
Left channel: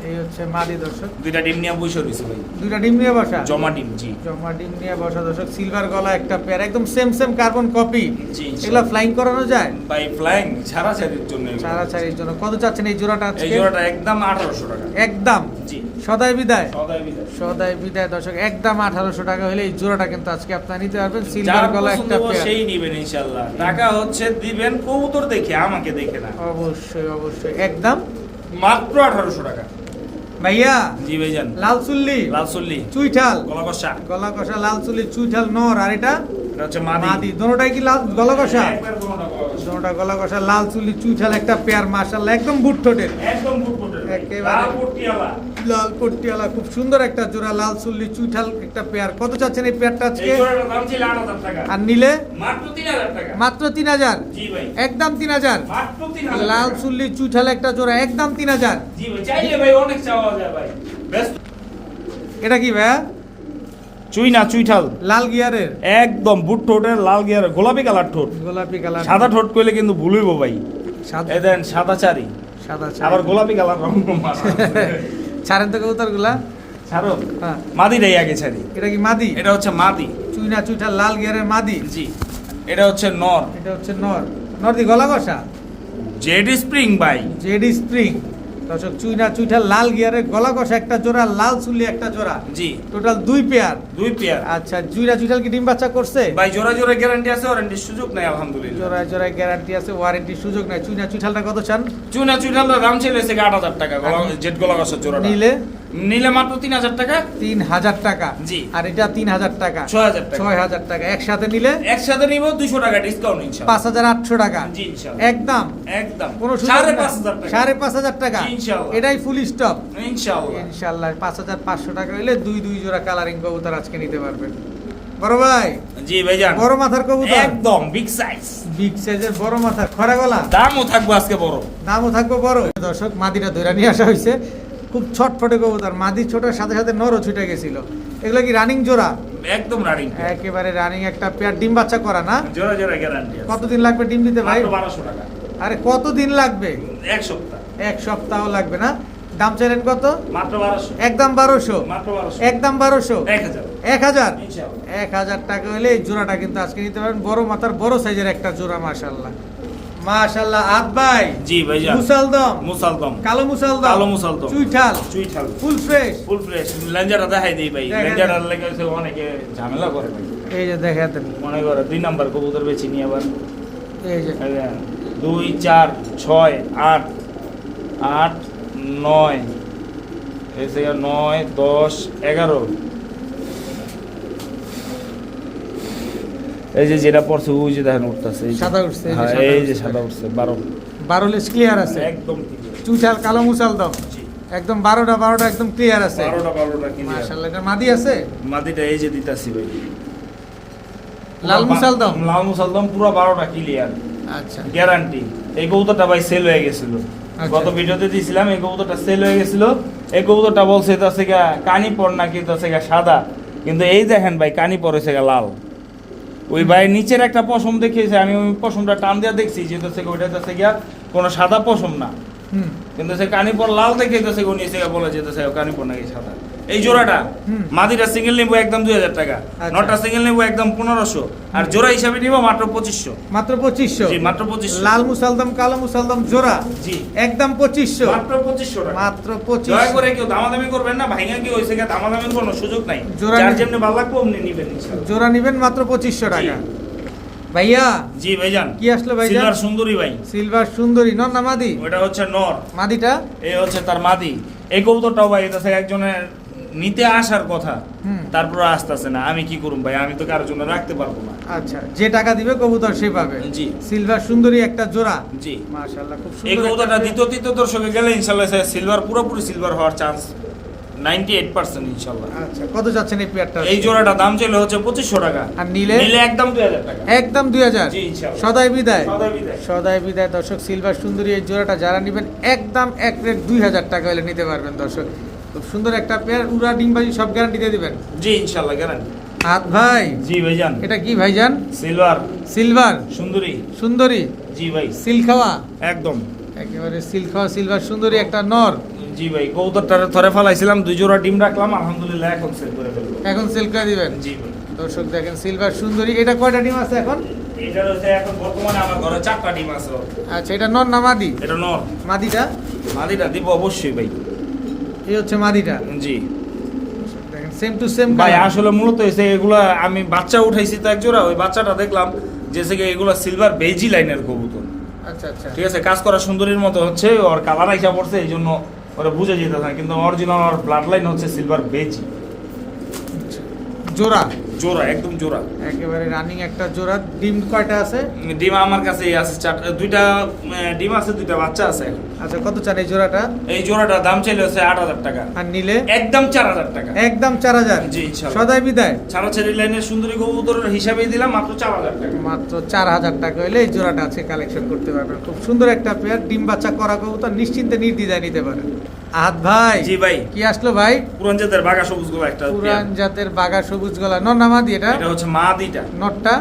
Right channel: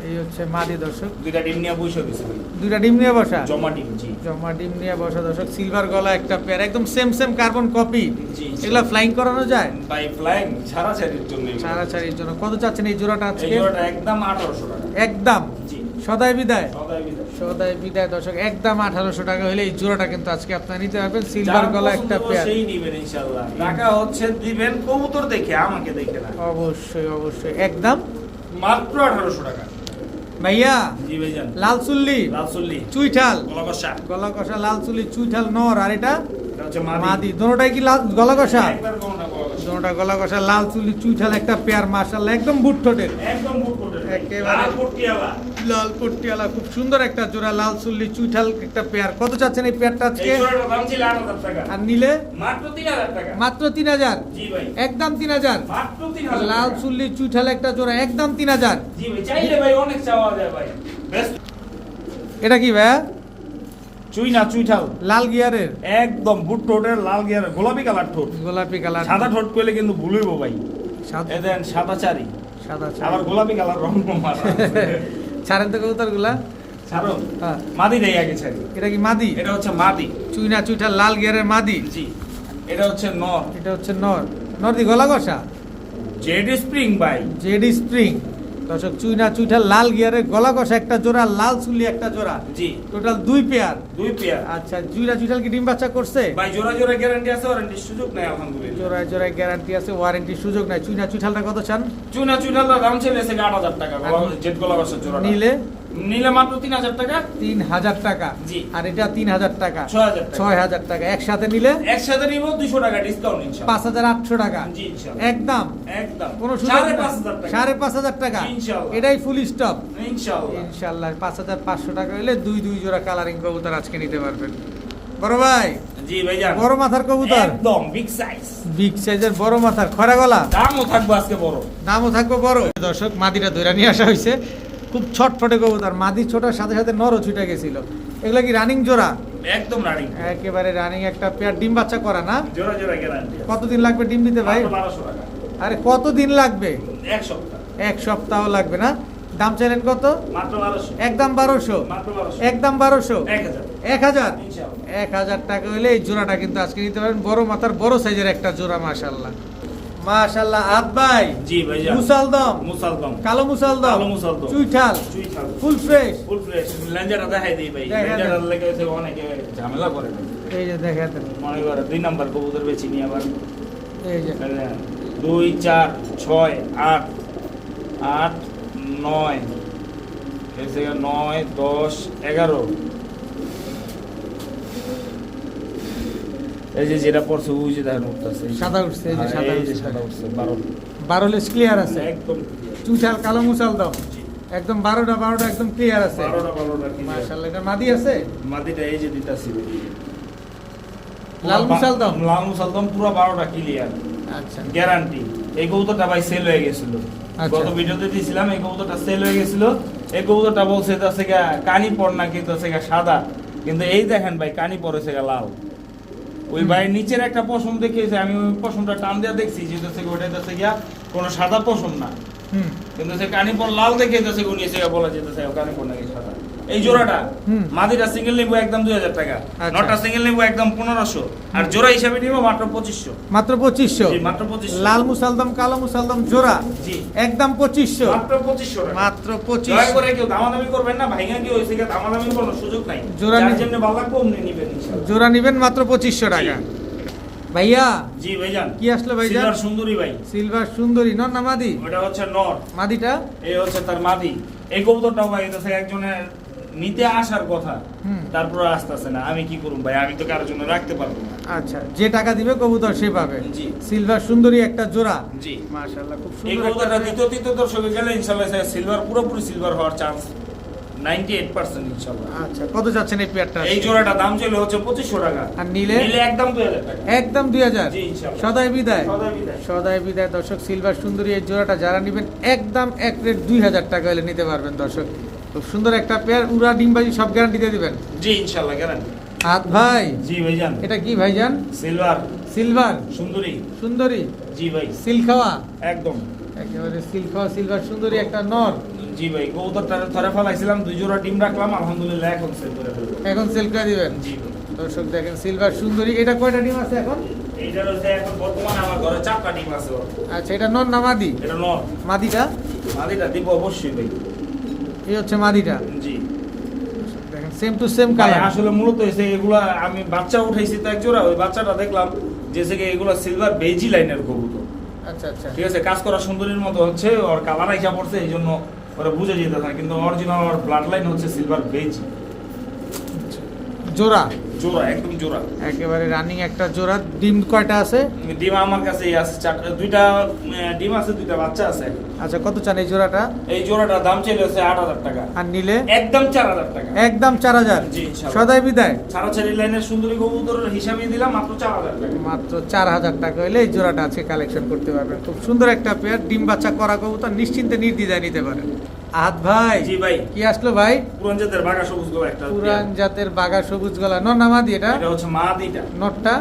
এই হচ্ছে মাদি দর্শক। দুইটা ডিম নিয়ে বসে দিছি ভাই। দুইটা ডিম নিয়ে বসা? জমা ডিম। জি, জমা ডিম নিয়ে বসা দর্শক। সিলভার গলা একটা পেয়ার, একদম সেম সেম কার্বন কপি। জি, এগুলা ফ্লাইং করানো যায়? ভাই ফ্লাইং ছাড়াছাড়ির জন্য। ছাড়াছাড়ির জন্য। কত চাচ্ছেন এই জোড়াটা এই আজকে? জোড়াটা একদম 1800 টাকা। একদম জি, সদাই বিদায়? সদাই বিদায়। সদাই বিদায় দর্শক। একদম 1800 টাকা হলে এই জোড়াটা কিন্তু আজকে আপনারা নিতে পারবেন। সিলভার যার গলা পছন্দ একটা হবে পেয়ার। সেই নিবেন ইনশাআল্লাহ। টাকা হচ্ছে দিবেন কবুতর দেখে, আমাকে দেখে না। অবশ্যই অবশ্যই। একদম মাত্র 1800 টাকা। ভাইয়া জি ভাইজান। লাল চুল্লি লালসল্লি চুইঠাল গলা কষা। গলা কষা লাল চুল্লি চুইঠাল নর, আর এটা এটা হচ্ছে মাদি। মাদি। দোনোটাই কি লাল গলা কষা? একবার কোনটা গলা কষা। দোনোটা গলা কষা লাল চুল্লি চুইঠাল একটা পেয়ার, মাশাআল্লাহ একদম বুট ঠোঁটের, একদম ফুটফুটে। একেবারে। লাল পট্টিওয়ালা। লাল পট্টিওয়ালা, খুব সুন্দর একটা জোড়া লাল চুল্লি চুইঠাল একটা পেয়ার। কত চাচ্ছেন এই পেয়ারটা এই আজকে? জোড়াটার দাম ছিল 8,000 টাকা। আর নিলে? মাত্র 3,000 টাকা। মাত্র 3,000। জি ভাই। একদম 3,000। মাত্র 3,000 লাল টাকা। চুল্লি চুইঠাল একটা জোড়া, একদম 3,000। জি ভাই, চাইলে ভাই অনেক চাওয়া যায় ভাই। বেস্ট। এটা কি ভাইয়া? চুই না চুইঠাল। লাল গিয়ারের একদম বুট ঠোঁটের লাল গিয়ার, গোলাপি কালার ঠোঁট। গোলাপি কালার। সাদা ঠোঁট কইলে কিন্তু ভুল হইব ভাই। সাদা এই দেন সাদা চারি, সাদা আবার গোলাপি কালার রং মারা। ছাড়েন তো কবুতর গুলা। ছাড়ো। হ্যাঁ। মাদিটাই আগে ছাড়ি। এটা কি মাদি? এটা হচ্ছে মাদি। চুইনা চুইঠাল লাল গিয়ারের মাদি। জি, এটা হচ্ছে নর। এটা হচ্ছে নর। নর্দি গলা কষা জেড স্প্রিং ভাই। জেডি স্প্রিং দর্শক। চুইনা চুইঠাল লাল গিয়ারের গলা কষা একটা জোড়া, লাল চুল্লি একটা জোড়া, জি, টোটাল 2 পেয়ার। 2 পেয়ার। আচ্ছা, চুইনা চুইঠাল কি ডিম বাচ্চা করছে? ভাই জোড়া জোড়া গ্যারান্টি আছে, ওয়ারেন্টির সুযোগ নাই আলহামদুলিল্লাহ। জোড়ায় জোড়ায় গ্যারান্টি আছে, ওয়ারেন্টির সুযোগ নাই। চুইনা চুইঠালটা কত চান? চুনা চুইঠালটার দাম ছিল 8,000 টাকা। আর- জেড গলা কষার জোড়াটা নিলে? নিলে মাত্র 3,000 টাকা। 3,000 টাকা। জি। আর এটা 3,000 টাকা। 6,000 টাকা। 6,000 টাকা। একসাথে নিলে একসাথে নিব 200 টাকা ডিসকাউন্ট ইনশাআল্লাহ। 5,800 টাকা। জি ইনশাআল্লাহ। একদম একদম কোনো সুযোগ নাই। 5,500 টাকা। 5,500 টাকা। জি, ইনশাআল্লাহ। এটাই ফুল স্টপ ইনশাআল্লাহ। ইনশাআল্লাহ। 5,500 টাকা হইলে দুই জোড়া কালারিং কবুতর আজকে নিতে পারবেন। বড় ভাই, জি ভাইজান। বড় মাথার কবুতর, একদম বিগ সাইজ। বিগ সাইজের বড় মাথার খরা গলা, দামও থাকবে আজকে বড়। দামও থাকবে বড়। দর্শক, মাদিটা ধরে নিয়ে আসা হয়েছে। খুব ছটফটে কবুতর, মাদি ছোটার সাথে সাথে নরও ছুটে গেছিল। এগুলো কি রানিং জোড়া? একদম রানিং। একেবারে রানিং একটা পেয়ার, ডিম বাচ্চা করা না? জোড়া জোড়া গ্যারান্টি। কতদিন লাগবে ডিম দিতে ভাই? 1200 টাকা। আরে কতদিন লাগবে? 1 সপ্তাহ। 1 সপ্তাহ লাগবে না? দাম চাইলেন কত? মাত্র 1200। একদম 1200। মাত্র 1200। একদম 1200। 1000। 1000। ইনশাআল্লাহ। 1000 টাকা হলে এই জোড়াটা কিন্তু আজকে নিতে পারেন। বড় মাথার বড় সাইজের একটা জোড়া, মাশাআল্লাহ মাশাআল্লাহ। আদ ভাই, জি ভাইজান। মুসালদম, মুসালদম। কালো মুসালদম, কালো মুসালদম। চুইঠাল, চুইঠাল। Full fresh. Full fresh. লেঞ্জারটা দেখাই দিই ভাই। দেখান। লেঞ্জারটার লেগে হচ্ছে অনেকে ঝামেলা করে। এই যে দেখাতেন, মনে করে 2 নাম্বার কবুতর বেশি নিয়ে আবার এই যে 2 4 6 8 8 9 এসে 9 10 11। এই যে যেটা পড়ছে ওই যে দেখেন উঠতেছে সাদা উঠছে, এই যে হ্যাঁ, সাদা এই যে উঠছে। সাদা উঠছে 12। 12 লেস ক্লিয়ার আছে। একদম চুইঠাল কালো মুসালদম জি। একদম 12টা একদম ক্লিয়ার আছে। 12টা কি মাশাআল্লাহ। এটা মাদি আছে? মাটিটা এই যে দিতাছি ভাই। লাল মুসালদম? লাল মুসালদম পুরো 12টা ক্লিয়ার আচ্ছা গ্যারান্টি। এই কবুতরটা ভাই সেল হয়ে গেছিল। আচ্ছা। গত ভিডিওতে দিয়েছিলাম, এই কবুতরটা সেল হয়ে গেছিল। এই কবুতরটা বলছে এটা থেকে কানি পর নাকি তো থেকে সাদা, কিন্তু এই দেখেন ভাই কানি পরে থেকে লাল। ওই ভাই নিচের একটা পশম দেখিয়েছে, আমি ওই পশমটা টান দিয়ে দেখছি যে থেকে ওইটা থেকে গিয়া কোনো সাদা পশম না, হুম কিন্তু সে কানি পর লাল দেখে তো সে উনি থেকে বলা যেতেছে কানি পর নাকি সাদা। এই জোড়াটা হুম। মাদিটা সিঙ্গেল নিবো একদম 2000 টাকা, আচ্ছা। নটা সিঙ্গেল নিবো একদম 1500, আর জোড়া হিসাবে নিবো মাত্র 2500। মাত্র 2500? জি মাত্র 2500। লাল মুসালদম কালো মুসালদম জোড়া জি একদম 2500? মাত্র 2500 টাকা। মাত্র দয়া 2500। করে কেউ দামাদামি করবেন না, ভাইঙ্গা কি হইছে গা দামাদামির কোনো সুযোগ নাই। জোড়া যার নি- যেমনি ভালো লাগবে অমনি নিবেন ইনশাআল্লাহ। জোড়া নিবেন মাত্র 2500 টাকা। ভাইয়া জি ভাইজান। কি আসলো ভাইজান? সিলভার সুন্দরী ভাই। সিলভার সুন্দরী নর না মাদি? ওটা হচ্ছে নর, মাদিটা? এই হচ্ছে তার মাদি। এই কবুতরটাও ভাই এটা থেকে একজনের নিতে আসার কথা, হুম। তারপর আসতেছে না। আমি কি করুম ভাই, আমি তো কারোর জন্য রাখতে পারবো না। আচ্ছা, যে টাকা দিবে কবুতর সে পাবে। জি। সিলভার সুন্দরী একটা জোড়া। জি। মাশাআল্লাহ, খুব এই সুন্দর একটা কবুতরটা পেয়ার। দ্বিতীয় দর্শকে গেলে ইনশাআল্লাহ সিলভার, পুরোপুরি সিলভার হওয়ার চান্স 98% ইনশাআল্লাহ। আচ্ছা, কত যাচ্ছেন এই পেয়ারটা? এই জোড়াটা দাম ছিল হচ্ছে 2500 টাকা। আর নিলে? নিলে একদম 2000 টাকা। একদম 2000। জি, ইনশাআল্লাহ। সদাই বিদায়। সদাই বিদায়। সদাই বিদায় দর্শক। সিলভার সুন্দরী এই জোড়াটা যারা নেবেন একদম এক রেট 2000 টাকা হলে নিতে পারবেন দর্শক। খুব সুন্দর একটা পেয়ার, উড়া ডিমবাজি সব গ্যারান্টি দিয়ে দিবেন। জি ইনশাআল্লাহ গ্যারান্টি। হাত ভাই, জি ভাইজান। এটা কি ভাইজান? সিলভার সিলভার সুন্দরী। সুন্দরী, জি ভাই। সিল খাওয়া, একদম। একেবারে সিল খাওয়া সিলভার সুন্দরী একটা নর। জি ভাই, কবুতরটা ধরে ফেলাইছিলাম, 2 জোড়া ডিম রাখলাম, আলহামদুলিল্লাহ এখন সেল করে ফেলবো। এখন সেল করে দিবেন। জি ভাই। দর্শক দেখেন সিলভার সুন্দরী, এটা কয়টা ডিম আছে এখন? এইটার হচ্ছে এখন বর্তমানে আমার ঘরে 4টা ডিম আছে। আচ্ছা, এটা নর না মাদি? এটা নর। মাদিটা? মাদিটা দিব অবশ্যই ভাই। এই হচ্ছে মাদিটা। জি দেখেন সেম টু সেম ভাই, কালার। আসলে মূলত হয়েছে এগুলা আমি বাচ্চা উঠাইছি তো এক জোড়া, ওই বাচ্চাটা দেখলাম যে এগুলা সিলভার বেজি লাইনের কবুতর। আচ্ছা আচ্ছা। ঠিক আছে, কাজ করা সুন্দরীর মতো হচ্ছে, ওর কালার আইসা পড়ছে, এই জন্য ওরা বুঝে যেতে না, কিন্তু অরিজিনাল ওর ব্লাড লাইন হচ্ছে সিলভার বেজি। জোড়া? জোড়া, একদম জোড়া। একেবারে রানিং একটা জোড়া। ডিম কয়টা আছে? ডিম আমার কাছে আছে 2টা ডিম আছে, 2টা বাচ্চা আছে। আচ্ছা, কত চান এই জোড়াটা? এই জোড়াটার দাম ছিল হচ্ছে 8000 টাকা। আর নিলে? একদম 4000 টাকা। একদম 4000। জি, ইনশাআল্লাহ। সদাই বিদায়। ছাড়াছাড়ি লাইনের সুন্দরী কবুতর হিসাবে দিলাম মাত্র 4000 টাকা। মাত্র 4000 টাকা হলে এই জোড়াটা আছে কালেকশন করতে পারবেন। খুব সুন্দর একটা পেয়ার, ডিম বাচ্চা করা কবুতর, নিশ্চিন্তে নির্দ্বিধায় নিতে পারেন। আহাত ভাই। জি ভাই। কি আসলো ভাই? পুরান জাতের বাঘা সবুজ গলা একটা। পুরান জাতের বাঘা সবুজ গলা নর না মাদি? এটা এটা হচ্ছে মাদিটা। নটটা?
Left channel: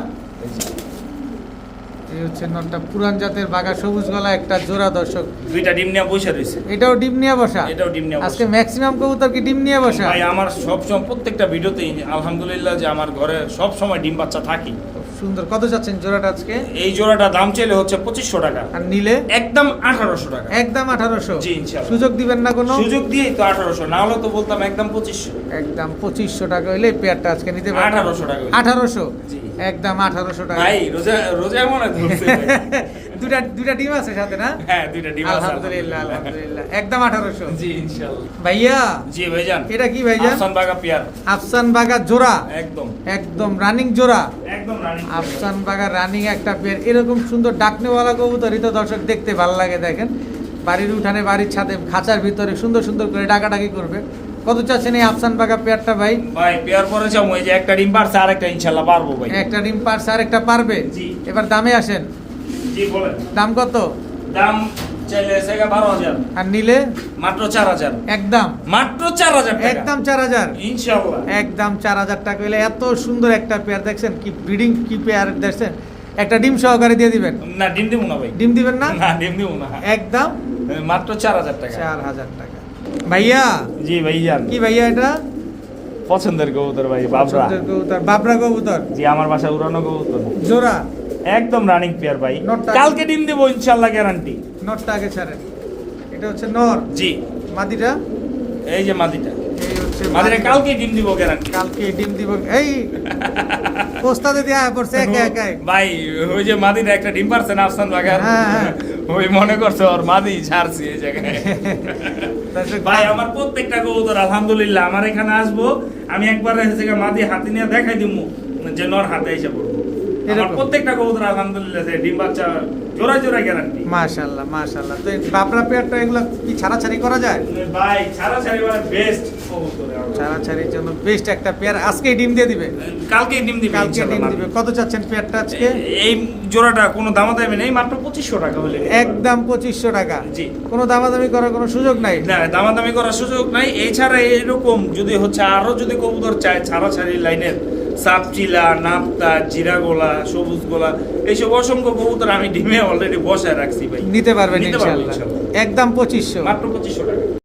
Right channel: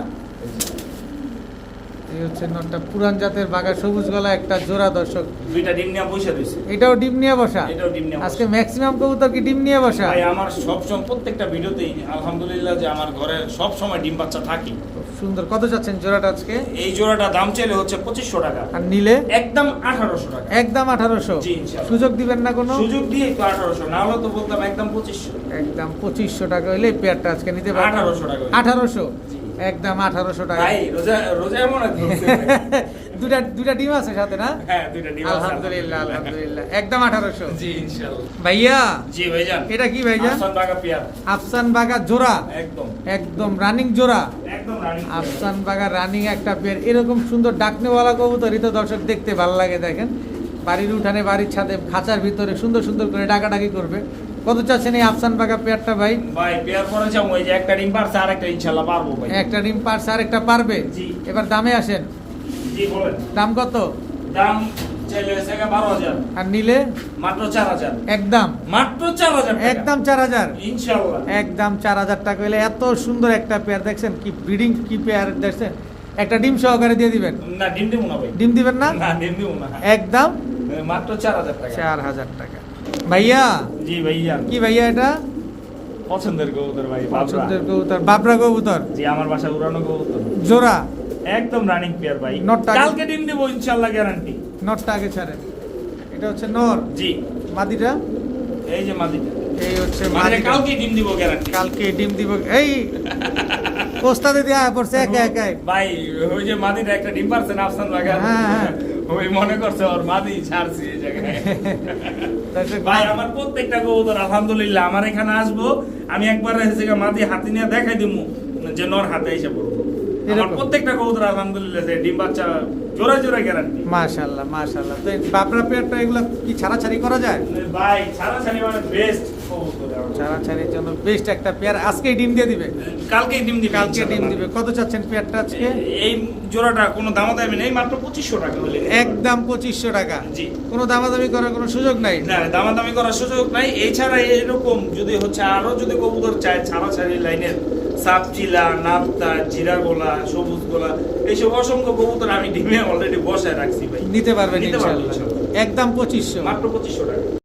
এই হচ্ছে নটটা, পুরান জাতের বাঘা সবুজ গলা একটা জোড়া দর্শক। 2টা ডিম নিয়ে বসে রয়েছে। এটাও ডিম নিয়ে বসা? এটাও ডিম নিয়ে বসা। আজকে ম্যাক্সিমাম কবুতর কি ডিম নিয়ে বসা? ভাই আমার সবসময় প্রত্যেকটা ভিডিওতেই আলহামদুলিল্লাহ যে আমার ঘরে সব সময় ডিম বাচ্চা থাকে। খুব সুন্দর। কত যাচ্ছেন জোড়াটা আজকে? এই জোড়াটা দাম চাইলে হচ্ছে 2500 টাকা। আর নিলে? একদম 1800 টাকা। একদম 1800। জি, ইনশাআল্লাহ। সুযোগ দিবেন না কোনো? সুযোগ দিয়েই তো 1800, না হলে তো বলতাম একদম 2500। একদম 2500 টাকা হইলে এই পেয়ারটা আজকে নিতে পারবেন। 1800 টাকা। 1800? জি। একদম 1800 টাকা। ভাই রোজা রোজা মনে ধরছে ভাই। দুটা ডিম আছে সাথে না? হ্যাঁ, 2টা ডিম আছে। আলহামদুলিল্লাহ আলহামদুলিল্লাহ। একদম 1800। জি ইনশাআল্লাহ। ভাইয়া, জি ভাইজান। এটা কি ভাইজান? আফসান বাঘা পেয়ার। আফসান বাগা জোড়া? একদম একদম রানিং জোড়া। একদম রানিং। আফসান বাগা রানিং একটা পেয়ার। এরকম সুন্দর ডাকনেওয়ালা কবুতরই তো দর্শক দেখতে ভালো লাগে। দেখেন বাড়ির উঠানে, বাড়ির ছাদে, খাঁচার ভিতরে সুন্দর সুন্দর করে ডাকাডাকি করবে। কত চাচ্ছেন এই আফসান বাগা পেয়ারটা ভাই? ভাই পেয়ার পরে যাও, ওই যে একটা ডিম পারছে, আরেকটা ইনশাআল্লাহ পারবো ভাই। একটা ডিম পারছে আর একটা পারবে। জি। এবার দামে আসেন। জি বলেন। দাম কত? দাম চাইলে সেগা 12000। আর নিলে? মাত্র 4000। একদম মাত্র 4000 টাকা। একদম 4000। ইনশাআল্লাহ। একদম 4000 টাকা হলে এত সুন্দর একটা পেয়ার দেখছেন, কি ব্রিডিং, কি পেয়ার দেখছেন। একটা ডিম সহকারে দিয়ে দিবেন? না ডিম দিব না ভাই। ডিম দিবেন না? না ডিম দিব না। একদম মাত্র 4000 টাকা। 4000 টাকা। ভাইয়া, জি ভাইজান। কি ভাইয়া এটা? পছন্দের কবুতর ভাই, বাবরা। পছন্দের কবুতর, বাবরা কবুতর জি, আমার বাসায় উড়ানো কবুতর। জোড়া? একদম রানিং পেয়ার ভাই। নটটা- কালকে ডিম দেব ইনশাআল্লাহ, গ্যারান্টি। নরটা আগে ছাড়েন। এটা হচ্ছে নর। জি, মাদিটা? এই যে মাদিটা। এই হচ্ছে মাদিটা মাদিটা। কালকে ডিম দিব, গ্যারান্টি। কালকে ডিম দিব। এই ওস্তাদে দেয়া পড়ছে একা একাই। ভাই ওই যে মাদিটা একটা ডিম পারছে না আফসান বাগা, হ্যাঁ, হ্যাঁ। ওই মনে করছে ওর মাদি ছাড়ছে এই জায়গায়। দর্শক, ভাই আমার প্রত্যেকটা কবুতর আলহামদুলিল্লাহ, আমার এখানে আসবো আমি একবার এসে মাদি হাতে নিয়ে দেখাই দিমু যে নর হাতে এসে পড়বো। আমার এরকম? প্রত্যেকটা কবুতর আলহামদুলিল্লাহ ডিম বাচ্চা জোড়া জোড়া গ্যারান্টি। মাশাআল্লাহ মাশাআল্লাহ। তো এই বাবরা পেয়ারটা এগুলো কি ছাড়াছাড়ি করা যায়? ভাই ছাড়া ছাড়ি মানে বেস্ট কবুতর। ছাড়াছাড়ির জন্য বেস্ট একটা পেয়ার। আজকেই ডিম দিয়ে দিবে? কালকে ডিম দিবে, কালকে ডিম ইনশাআল্লাহ। দিবে। কত চাচ্ছেন পেয়ারটা আজকে? এই জোড়াটা কোনো দামাদামি নেই, মাত্র 2500 টাকা হলে। একদম 2500 টাকা। জি। কোনো দামাদামি করার কোনো সুযোগ নাই? না দামাদামি করার সুযোগ নাই। এছাড়া এরকম যদি হচ্ছে আরো যদি কবুতর চায় ছাড়াছাড়ি লাইনের, সাপচিলা, নাপ্তা, জিরাগোলা, সবুজ গোলা, এইসব অসংখ্য কবুতর আমি ডিমে অলরেডি বসায় রাখছি ভাই। নিতে পারবেন নিতে পারবো ইনশাআল্লাহ। ইনশাআল্লাহ। একদম 2500। মাত্র 2500 টাকা।